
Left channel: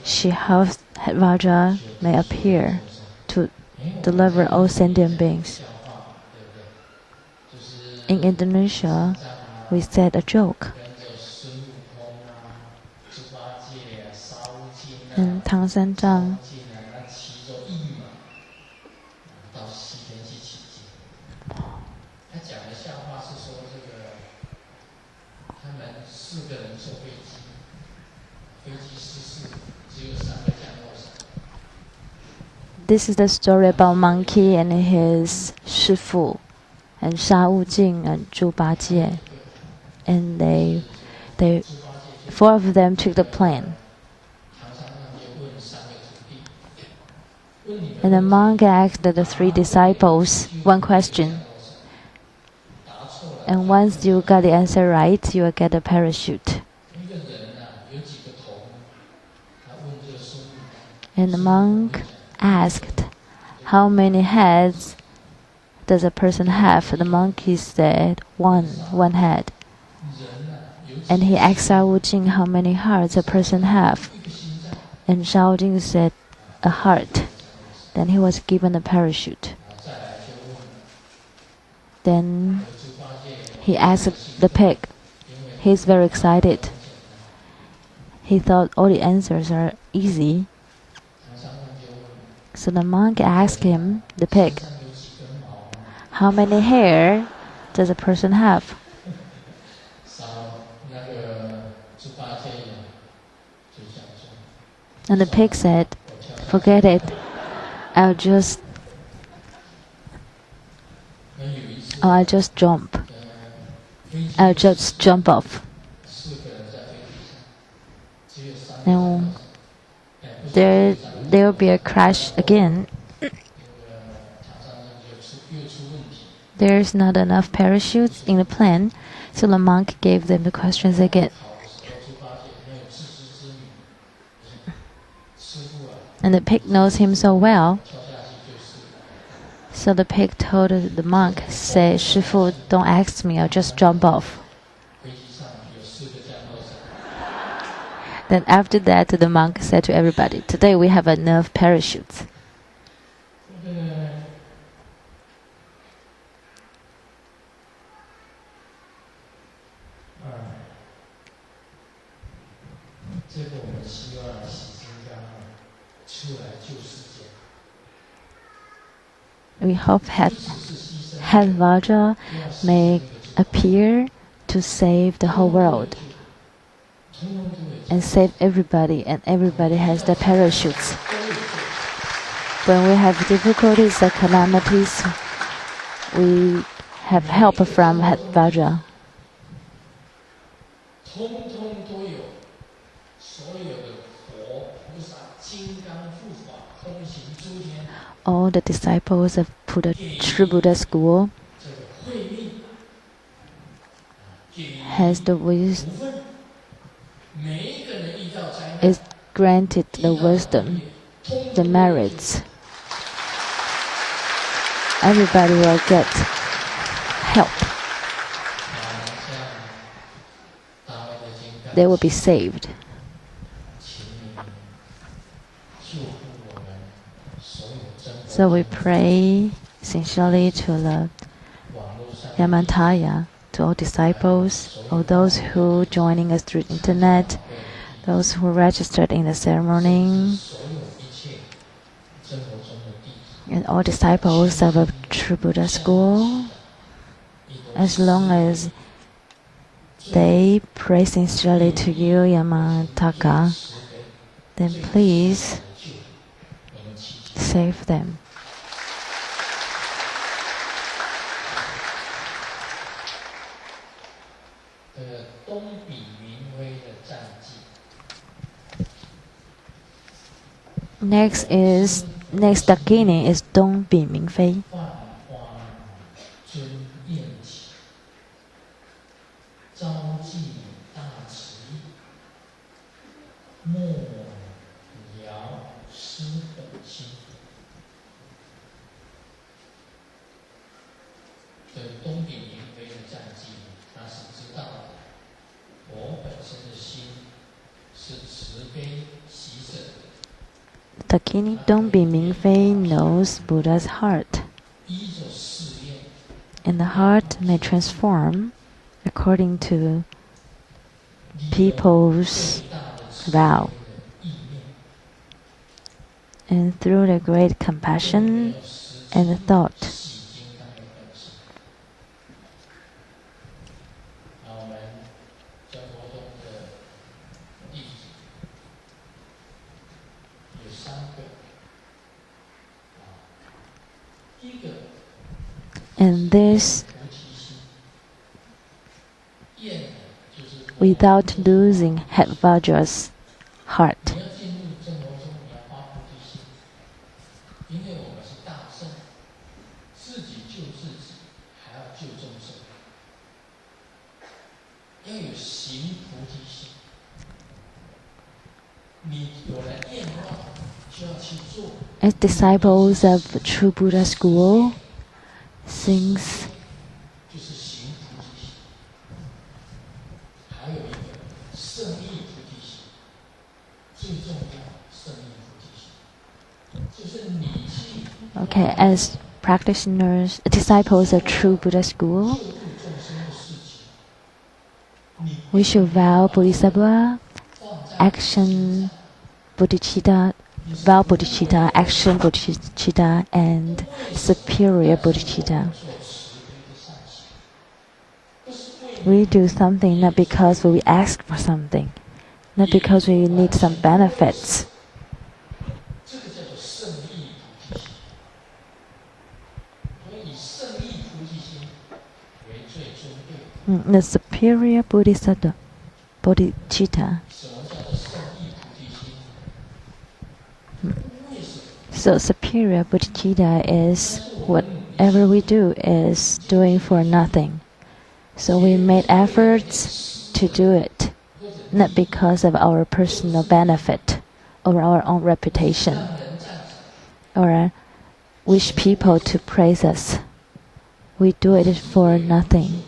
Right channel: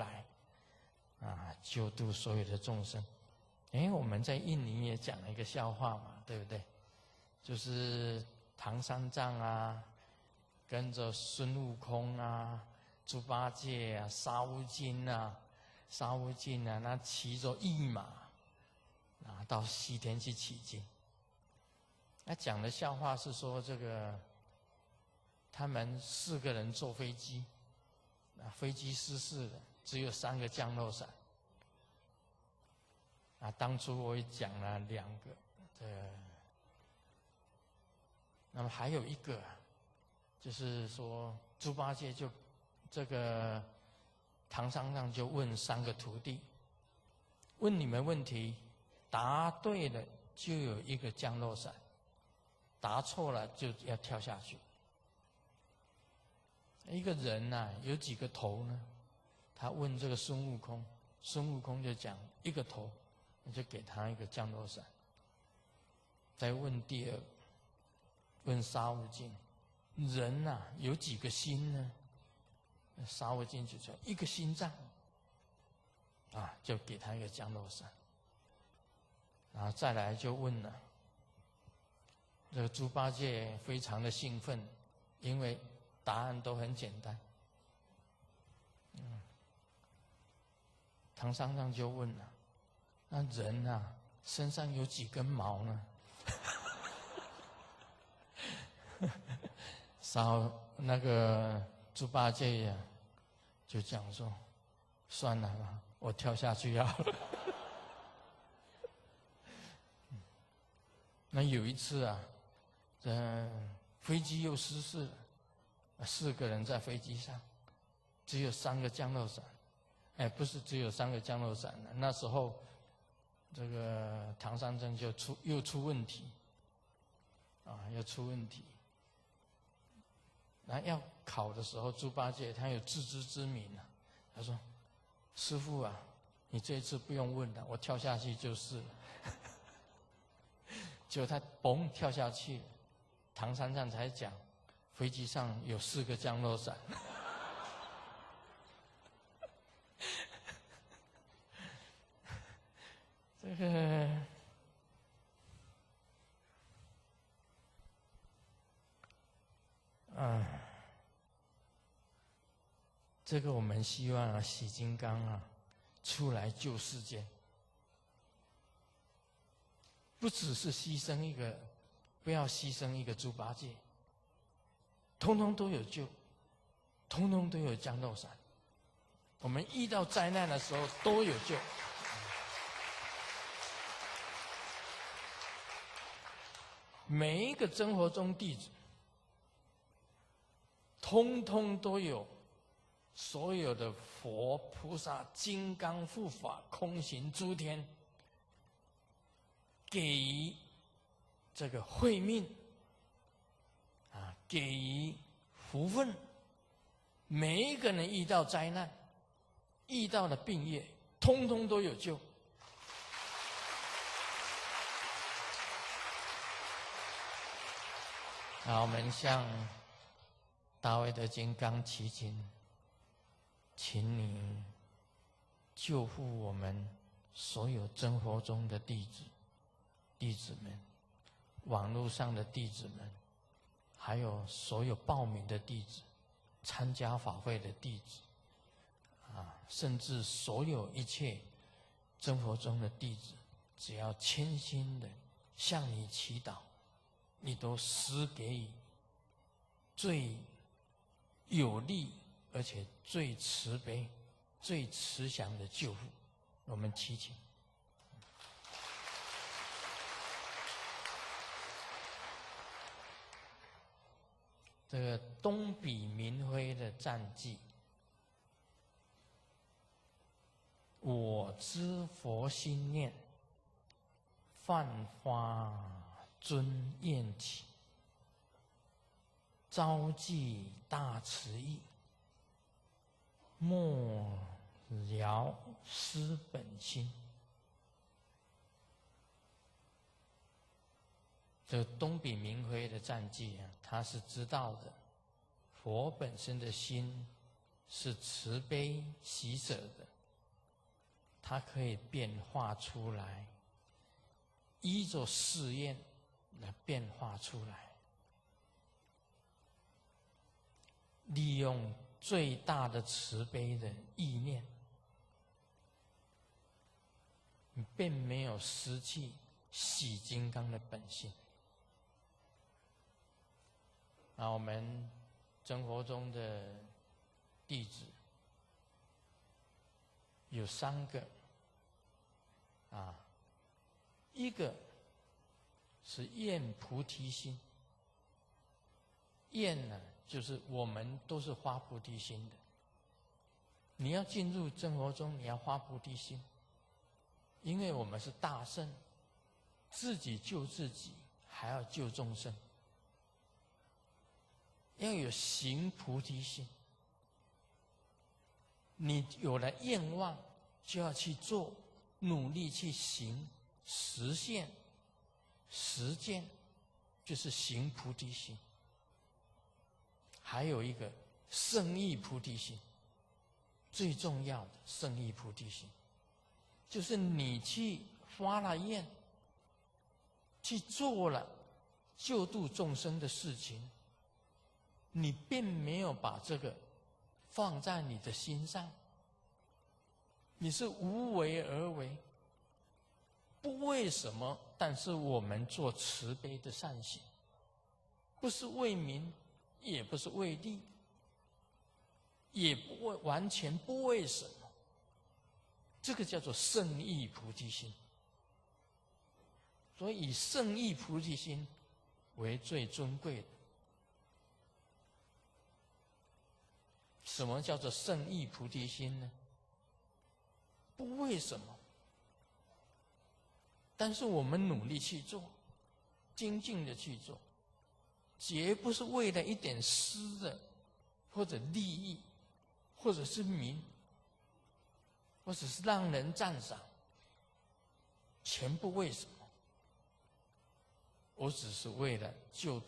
She hopes Hevajra may appear to deliver all sentient beings. In Indonesia, we said a joke. And Tang San Zhang This is the story about monkey and his shifu, and Sha Wujing and Zhu Bajie. And four of them took the plane. And the monk asked the three disciples one question. And once you got the answer right, you will get a parachute. And the monk asked, "How many heads does a person have?" The monkey said, one head. And he asked Sha Wujing how many hearts a person have. And Sha Wujing said, "A heart." Then he was given a parachute. Then he asked the pig. He's very excited. He thought all the answers are easy. So the monk asked him, the pig, "How many hair does a person have?" And the pig said, "Forget it. I'll just jump. I'll just jump off." And there will be a crash again. There's not enough parachutes in the plane, so the monk gave them the questions again. And the pig knows him so well. So the pig told the monk, say, 师父, don't ask me, I'll just jump off. Then after that, the monk said to everybody, today we have enough parachutes. We hope that Hevajra may appear to save the whole world and save everybody, and everybody has the parachutes. When we have difficulties or calamities, we have help from Hevajra. All the disciples of True Buddha School has the wisdom, is granted the wisdom, the merits. Everybody will get help. They will be saved. So we pray sincerely to the Yamantaya, to all disciples, all those who joining us through internet, those who registered in the ceremony, and all disciples of a True Buddha School. As long as they pray sincerely to you, Yamantaka, then please save them. Next dakini is Dong Bi Ming Fei. Dakini Dong Bi Ming Fei knows Buddha's heart, and the heart may transform according to people's vow. And through the great compassion and the thought, and this, without losing Hevajra's heart. As disciples of True Buddha School, since as practitioners, disciples of True Buddha School, we should vow Bodhisattva, action Bodhicitta, vow Bodhicitta, action Bodhicitta, and superior Bodhicitta. We do something not because we ask for something, not because we need some benefits. The superior Bodhisattva, Bodhicitta. So superior bodhicitta is whatever we do is doing for nothing. So we made efforts to do it, not because of our personal benefit or our own reputation, or wish people to praise us. We do it for nothing,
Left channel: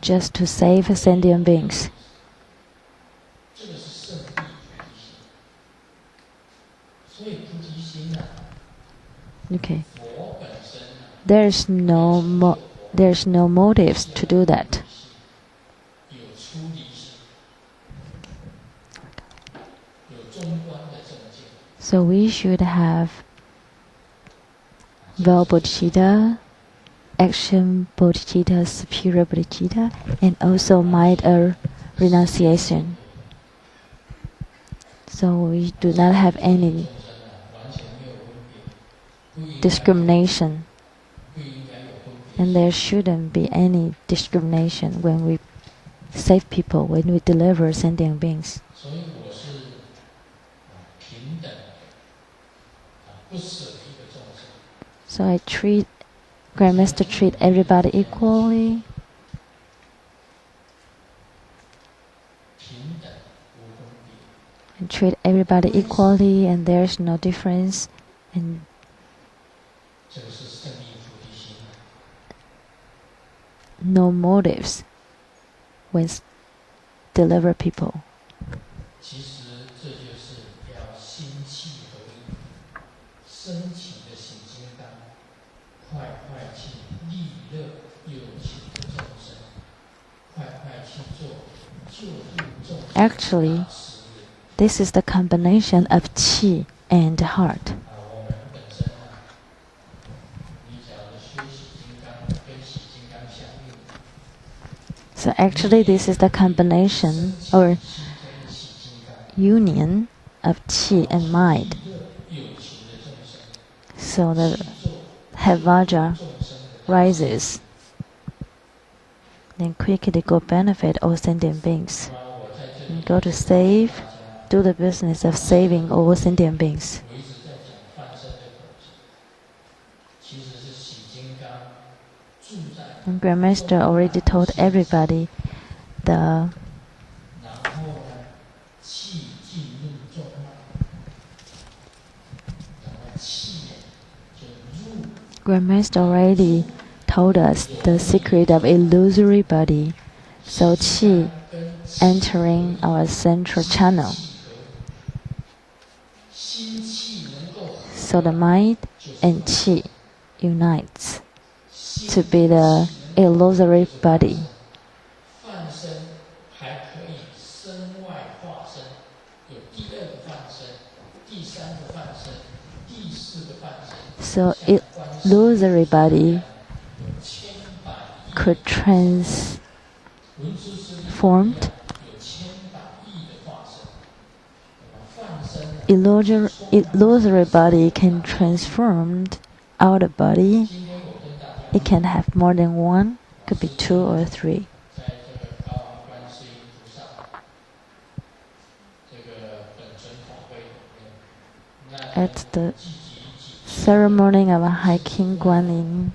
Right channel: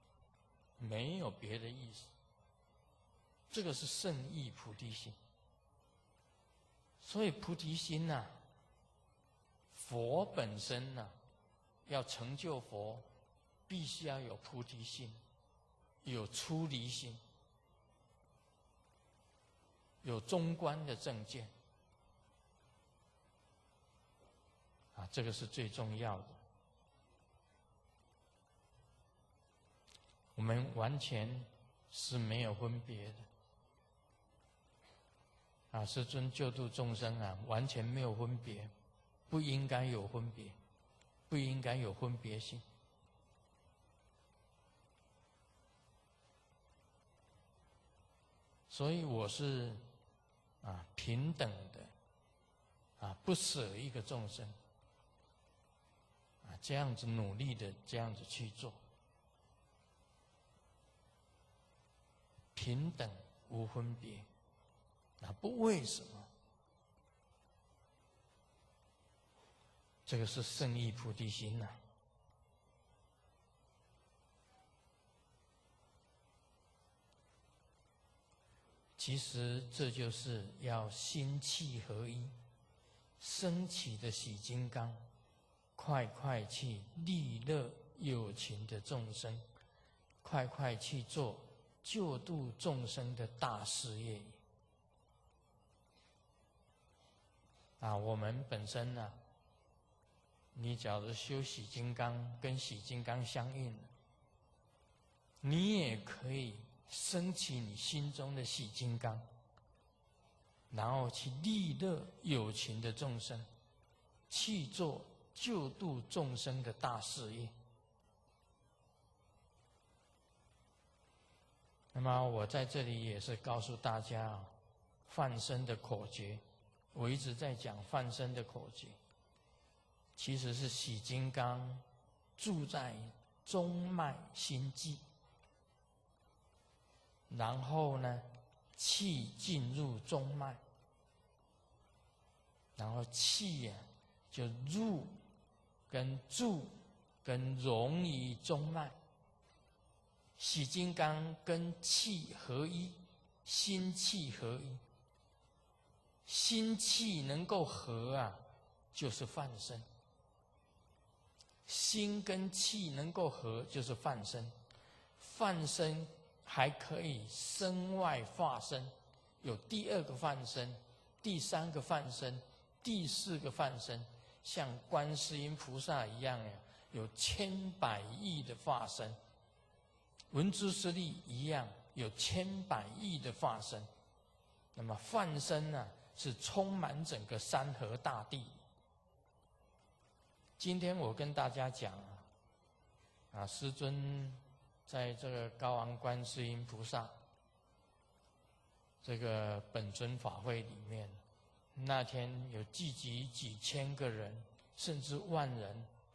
just to save sentient beings. Okay. There's no motives to do that. So we should have well bodhicitta, action bodhicitta, superior bodhicitta, and also mind renunciation. So we do not have any discrimination, and there shouldn't be any discrimination when we save people, when we deliver sentient beings. So Grandmaster treat everybody equally. And treat everybody equally, and there's no difference. And no motives when deliver people. Actually, this is the combination of qi and heart. So actually, this is the combination or union of qi and mind. So the Hevajra rises, then quickly go benefit all sentient beings. And go to save, do the business of saving all sentient beings. And Grandmaster already told everybody the Grandmaster already told us the secret of illusory body. So qi entering our central channel. So the mind and qi unites to be the illusory body. So illusory body could transformed. Illusory body can transform outer body. It can have more than one, could be 2 or 3. At the ceremony of a hiking Guanyin,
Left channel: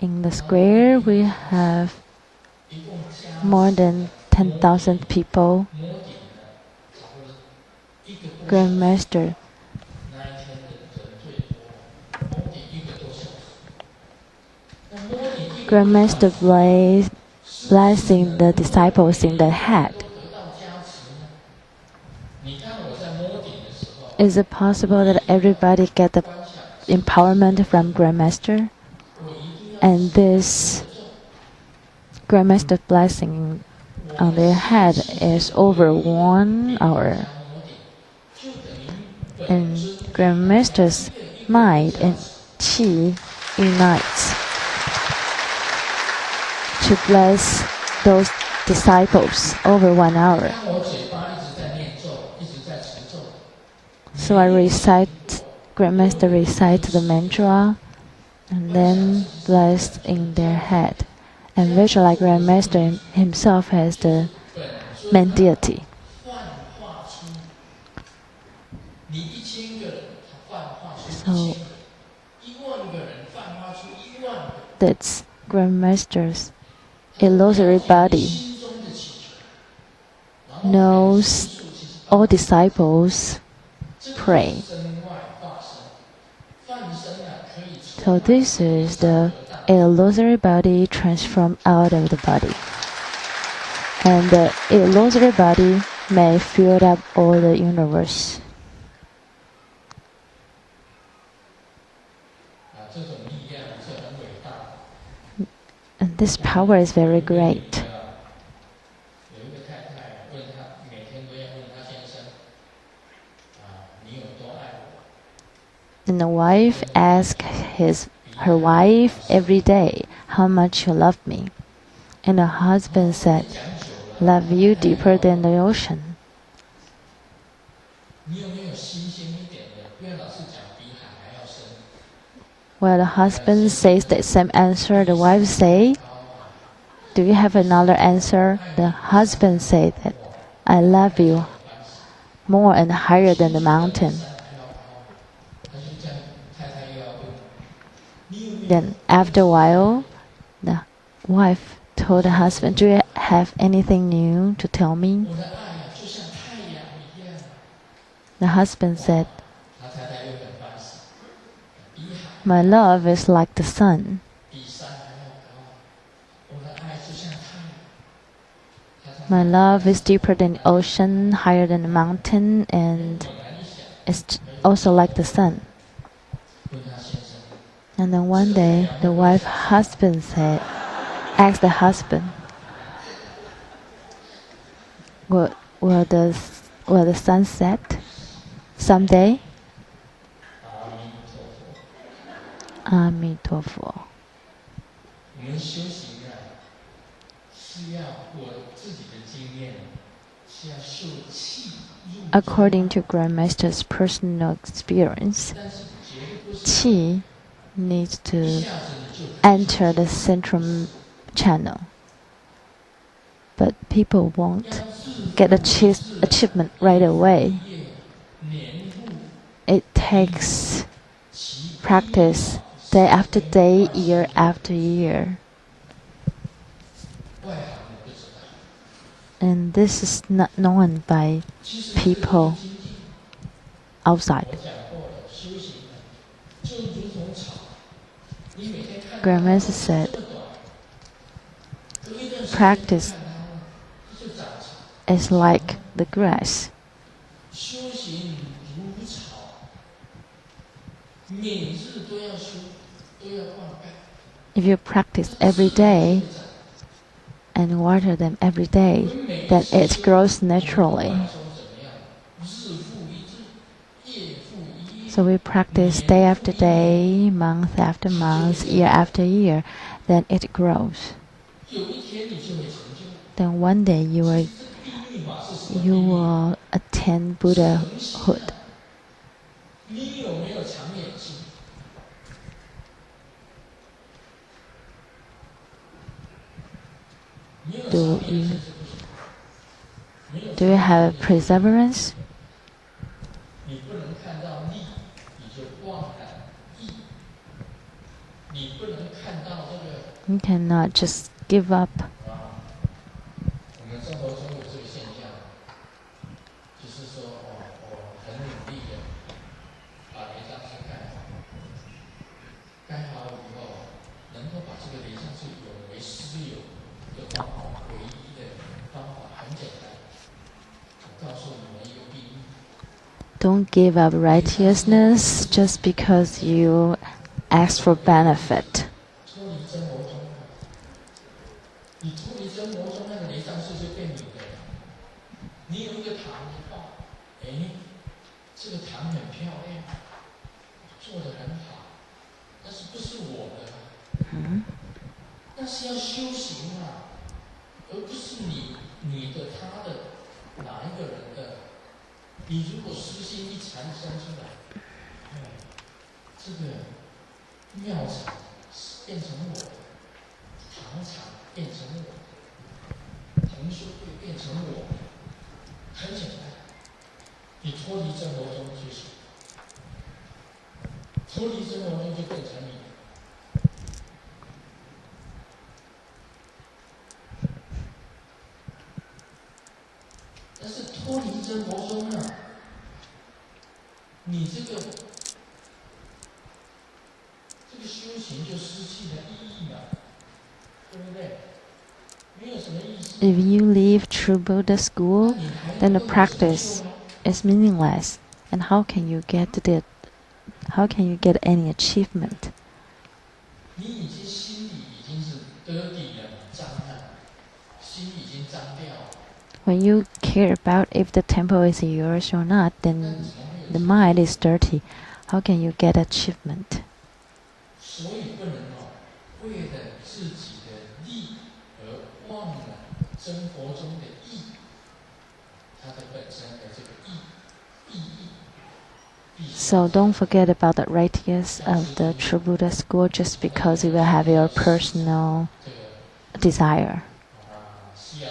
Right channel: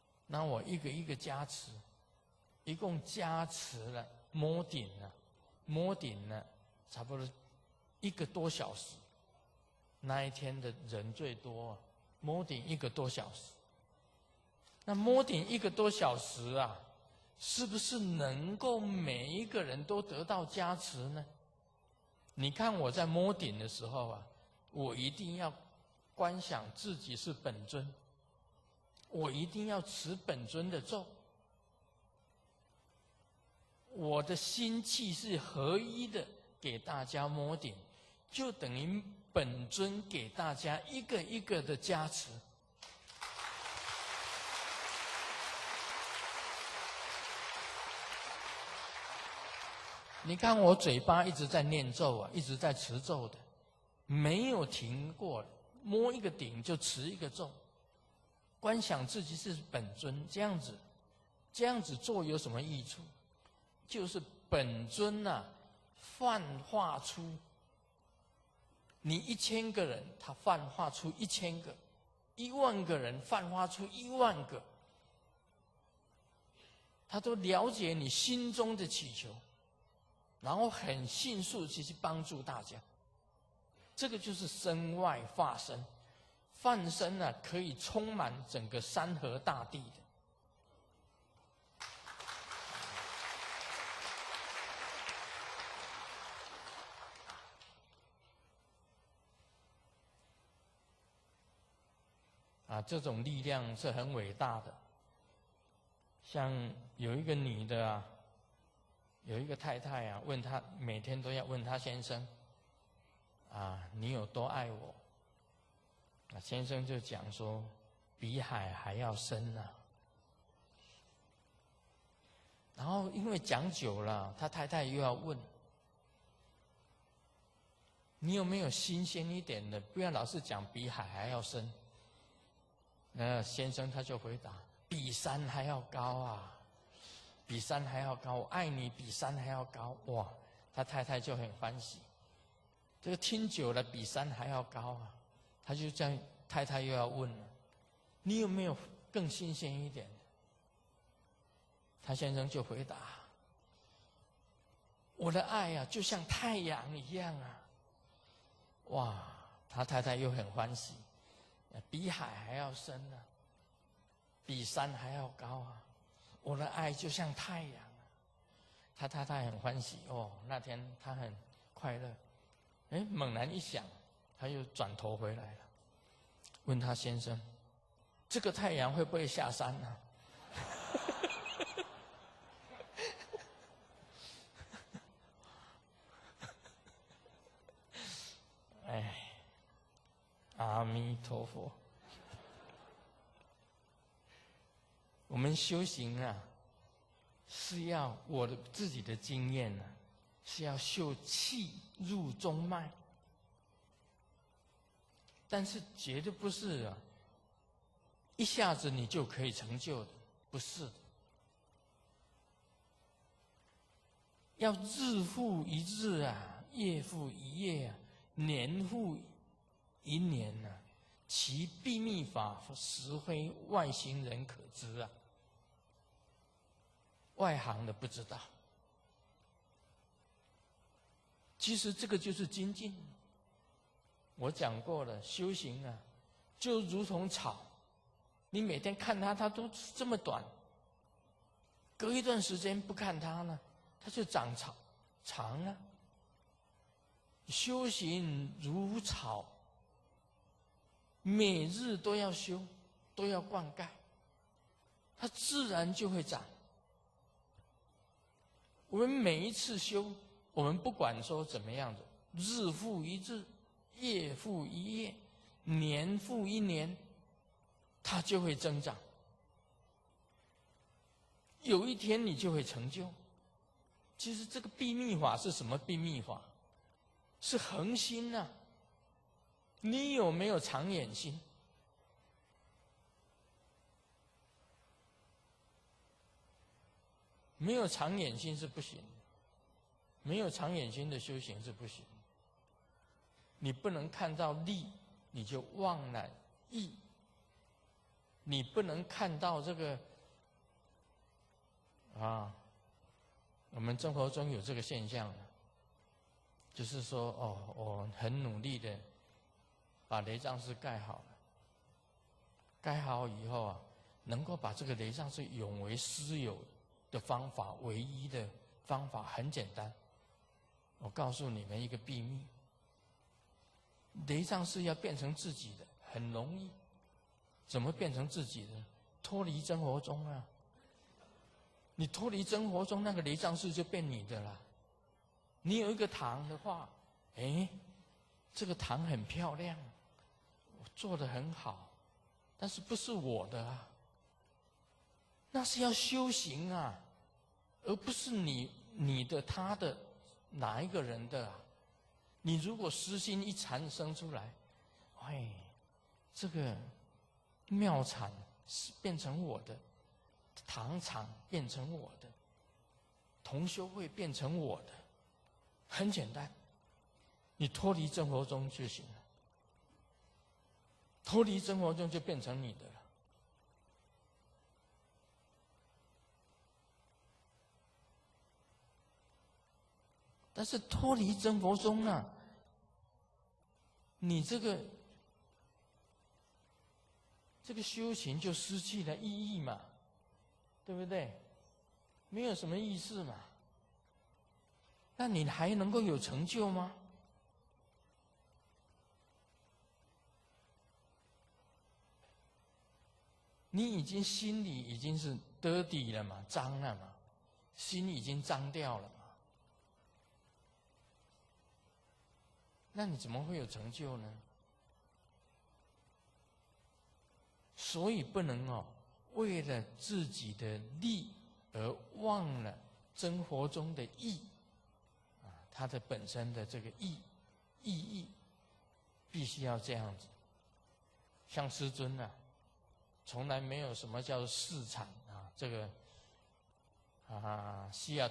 in the square we have more than 10,000 people. Grandmaster blessing the disciples in the head. Is it possible that everybody get the empowerment from Grandmaster? And this Grandmaster blessing on their head is over 1 hour. And Grandmaster's mind and qi unites to bless those disciples over 1 hour. So Grandmaster recites the mantra and then blessed in their head. And visualize Grandmaster himself as the main deity. Buddhists, Grand Masters, illusory body knows all disciples pray. So this is the illusory body transformed out of the body. And the illusory body may fill up all the universe. And this power is very great. And the wife asks her wife every day, "How much you love me?" And the husband said, "Love you deeper than the ocean." While the husband says the same answer, the wife says, "Do you have another answer?" The husband said that, "I love you more and higher than the mountain." Then after a while, the wife told the husband, "Do you have anything new to tell me?" The husband said, "My love is like the sun." My love is deeper than the ocean, higher than the mountain, and it's also like the sun. And then one day, the wife husband asked the husband, will the sun set someday?" Amitabha. According to Grandmaster's personal experience, qi needs to enter the central channel. But people won't get achievement right away. It takes practice day after day, year after year. And this is not known by people outside. Grandmaster said, practice is like the grass. If you practice every day and water them every day, then it grows naturally. So we practice day after day, month after month, year after year, then it grows. Then one day you will attain Buddhahood. Do you have perseverance? You cannot just give up. Don't give up righteousness just because you ask for benefit. 乘佛宗啊，你这个修行就失去了意义嘛，对不对？没有什么意思。If you leave True Buddha school, then the practice is meaningless. And how can you get any achievement? 你已经心里已经是得底了，脏了，心已经脏掉了。When you care about if the temple is yours or not, then the mind is dirty. How can you get achievement? 所以不能为了自己的利而忘了真佛中的义，它的本身的这个意义。So don't forget about the righteous of the True Buddha school just because you will have your personal desire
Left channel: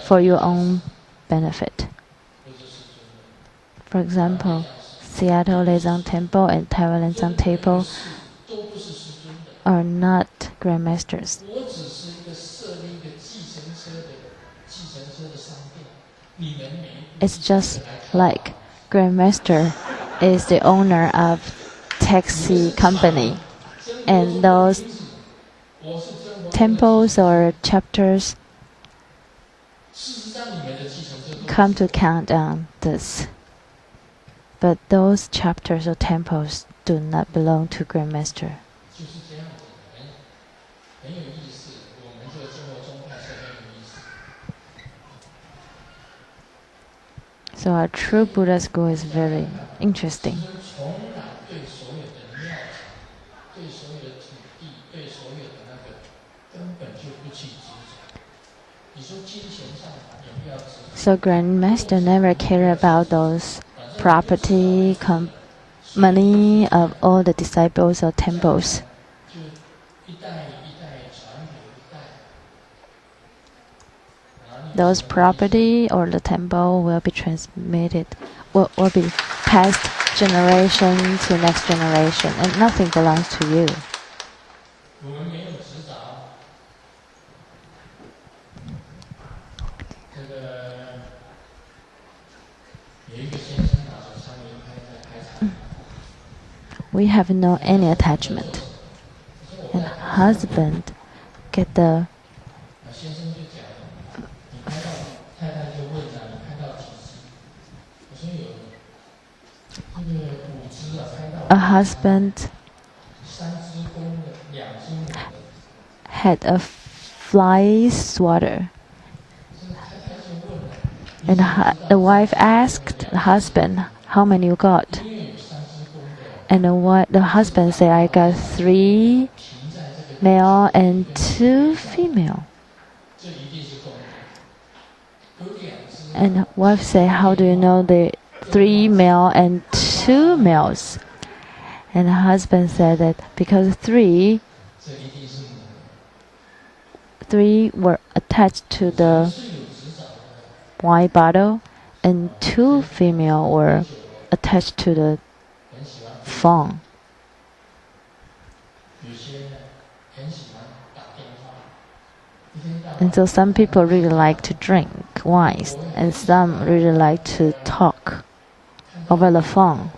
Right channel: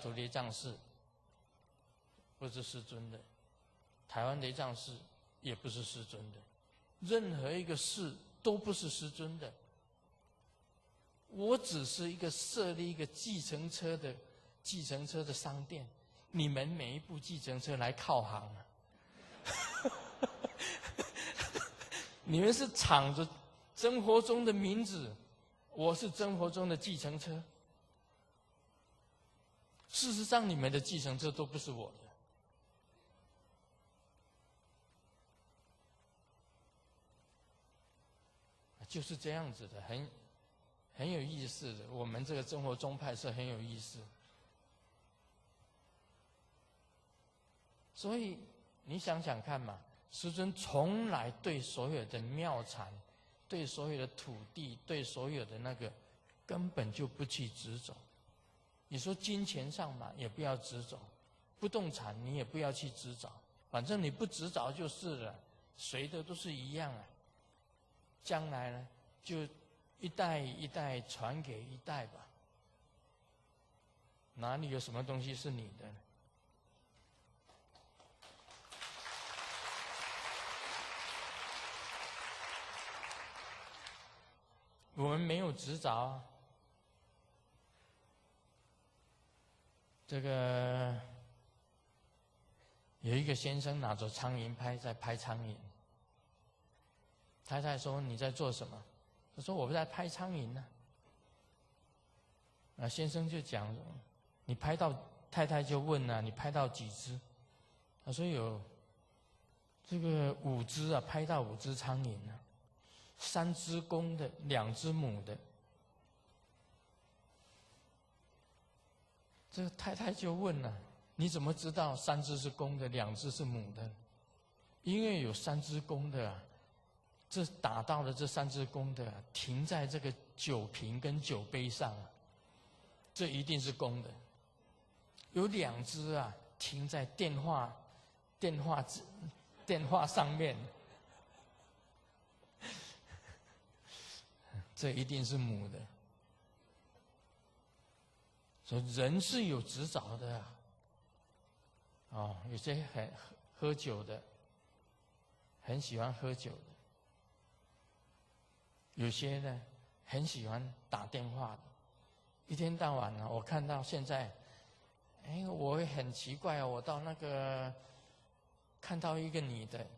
for your own benefit. For example, Seattle Lian Temple and Taiwan Lian Temple are not grandmasters. It's just like grandmaster is the owner of taxi company, and those temples or chapters come to count on this. But those chapters or temples do not belong to grandmaster. So our True Buddha school is very interesting. So grandmaster never care about those property, money of all the disciples or temples. Those property or the temple will be transmitted, will be passed generation to next generation, and nothing belongs to you. We have no any attachment. And husband get the a husband had a fly swatter. And the wife asked the husband, how many you got? And the husband said, I got 3 male and 2 female. And the wife said, how do you know the 3 male and 2 males? And the husband said that because 3 were attached to the wine bottle, and 2 female were attached to the phone. And so some people really like to drink wines, and some really like to talk over the phone.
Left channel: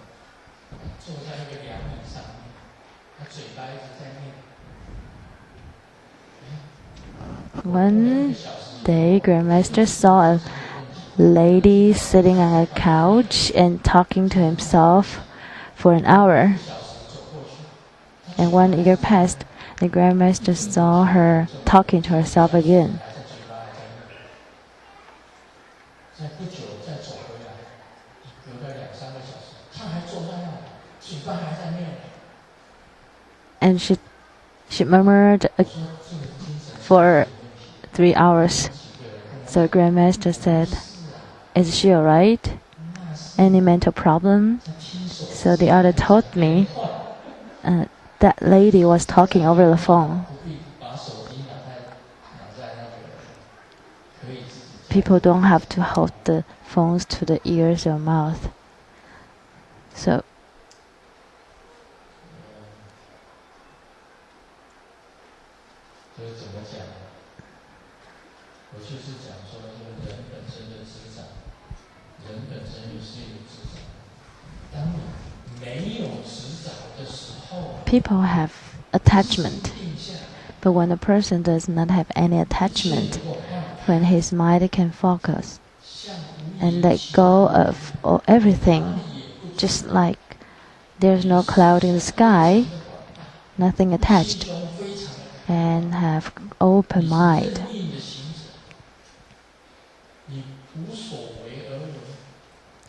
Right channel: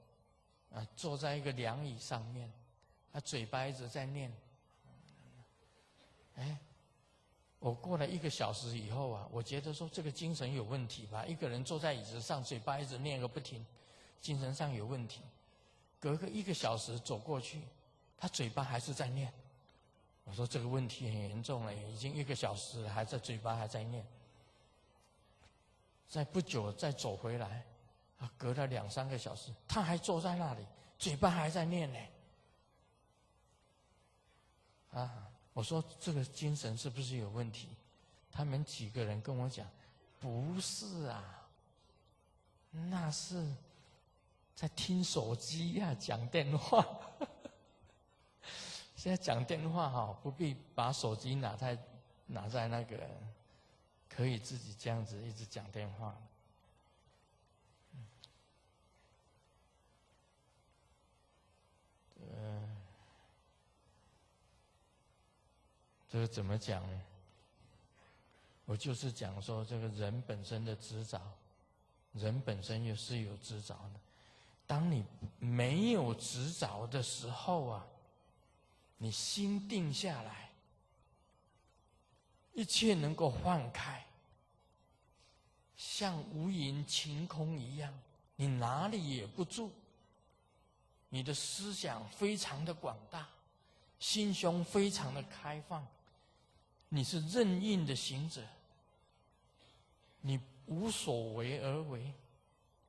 One day, Grandmaster saw a lady sitting on a couch and talking to himself for an hour. And 1 year passed, the Grandmaster saw her talking to herself again. And she murmured for 3 hours. So Grandmaster said, is she alright? Any mental problem? So the other told me that lady was talking over the phone. People don't have to hold the phones to the ears or mouth. So 人本身就是有执着。当你没有执着的时候啊， People have attachment, but when a person does not have any attachment, when his mind can focus and let go of everything, just like there's no cloud in the sky, nothing attached, and have open mind.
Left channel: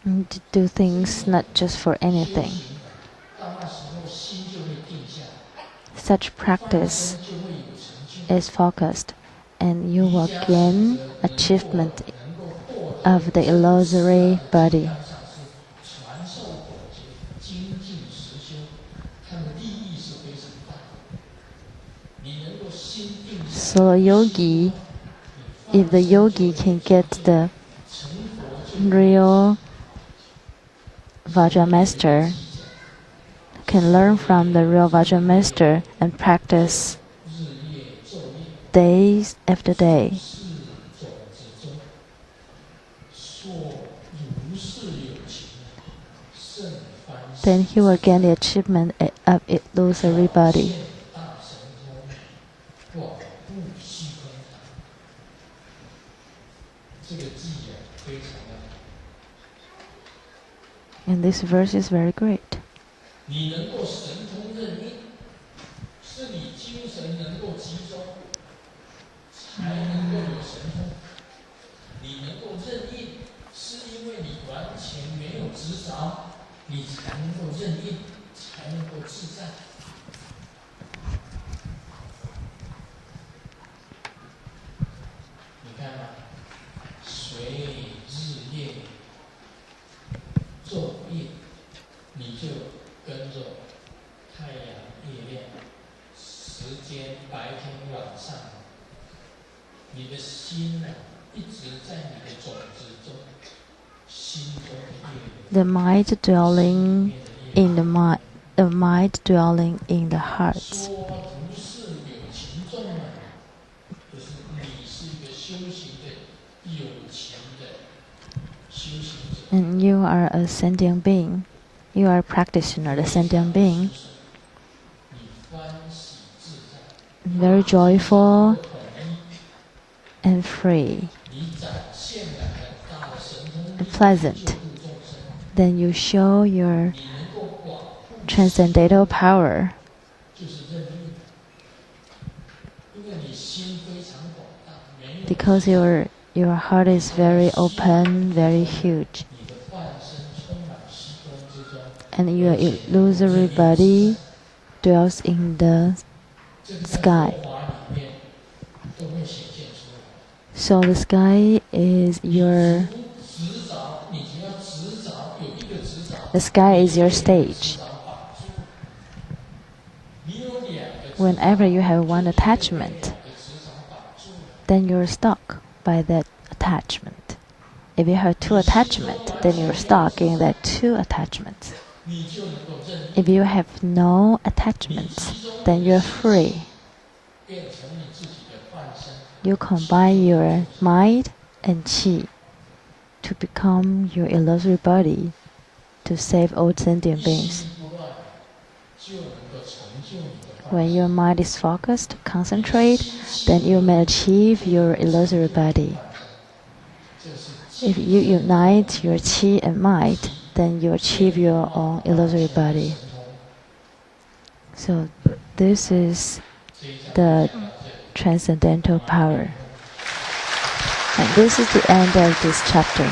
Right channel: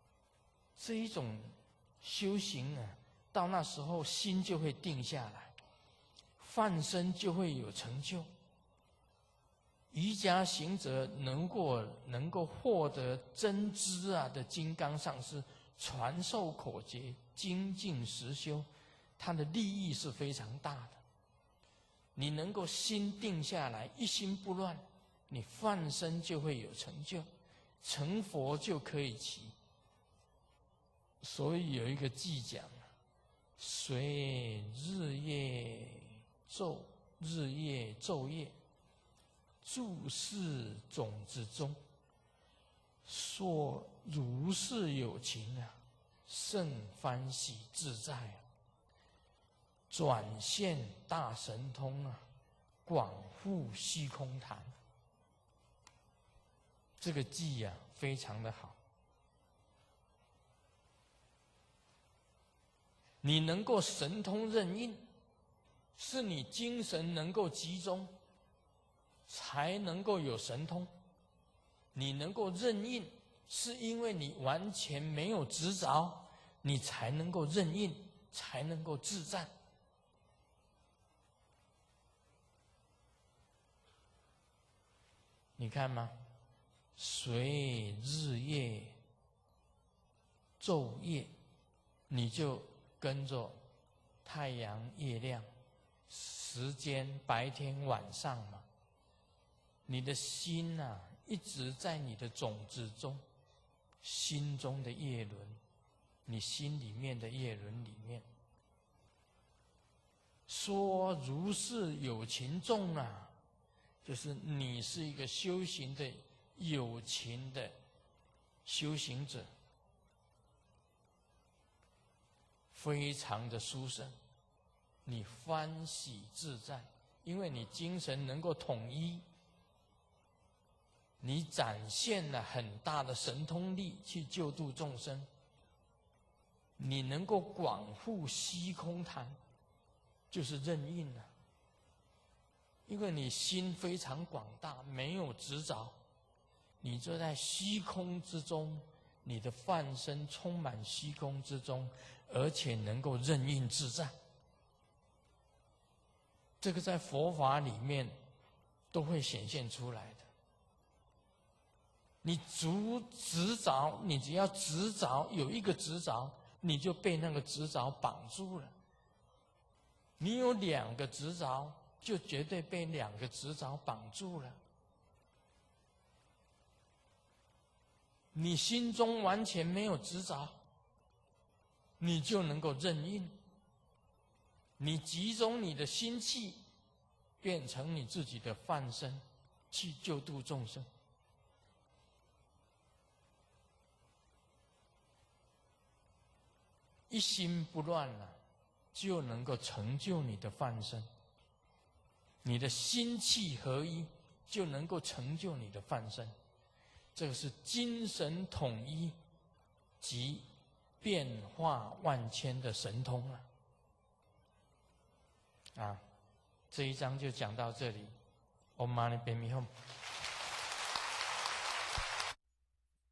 And to do things not just for anything. Such practice is focused, and you will gain achievement of the illusory body. So a yogi, if the yogi can get the real Vajra master, can learn from the real Vajra master and practice days after day, then he will gain the achievement of illusory body. And this verse is very great. The mind dwelling in the mind dwelling in the hearts. And you are a sentient being. You are a practitioner, a sentient being. Very joyful and free and pleasant. Then you show your transcendental power. Because your heart is very open, very huge. And your illusory body dwells in the sky. So the sky is your stage. Whenever you have one attachment, then you're stuck by that attachment. If you have two attachments, then you're stuck in that two attachments. If you have no attachments, then you're free. You combine your mind and qi to become your illusory body to save all sentient beings. When your mind is focused, concentrate, then you may achieve your illusory body. If you unite your qi and mind, then you achieve your own illusory body. So this is the transcendental power. And this is the end of this chapter.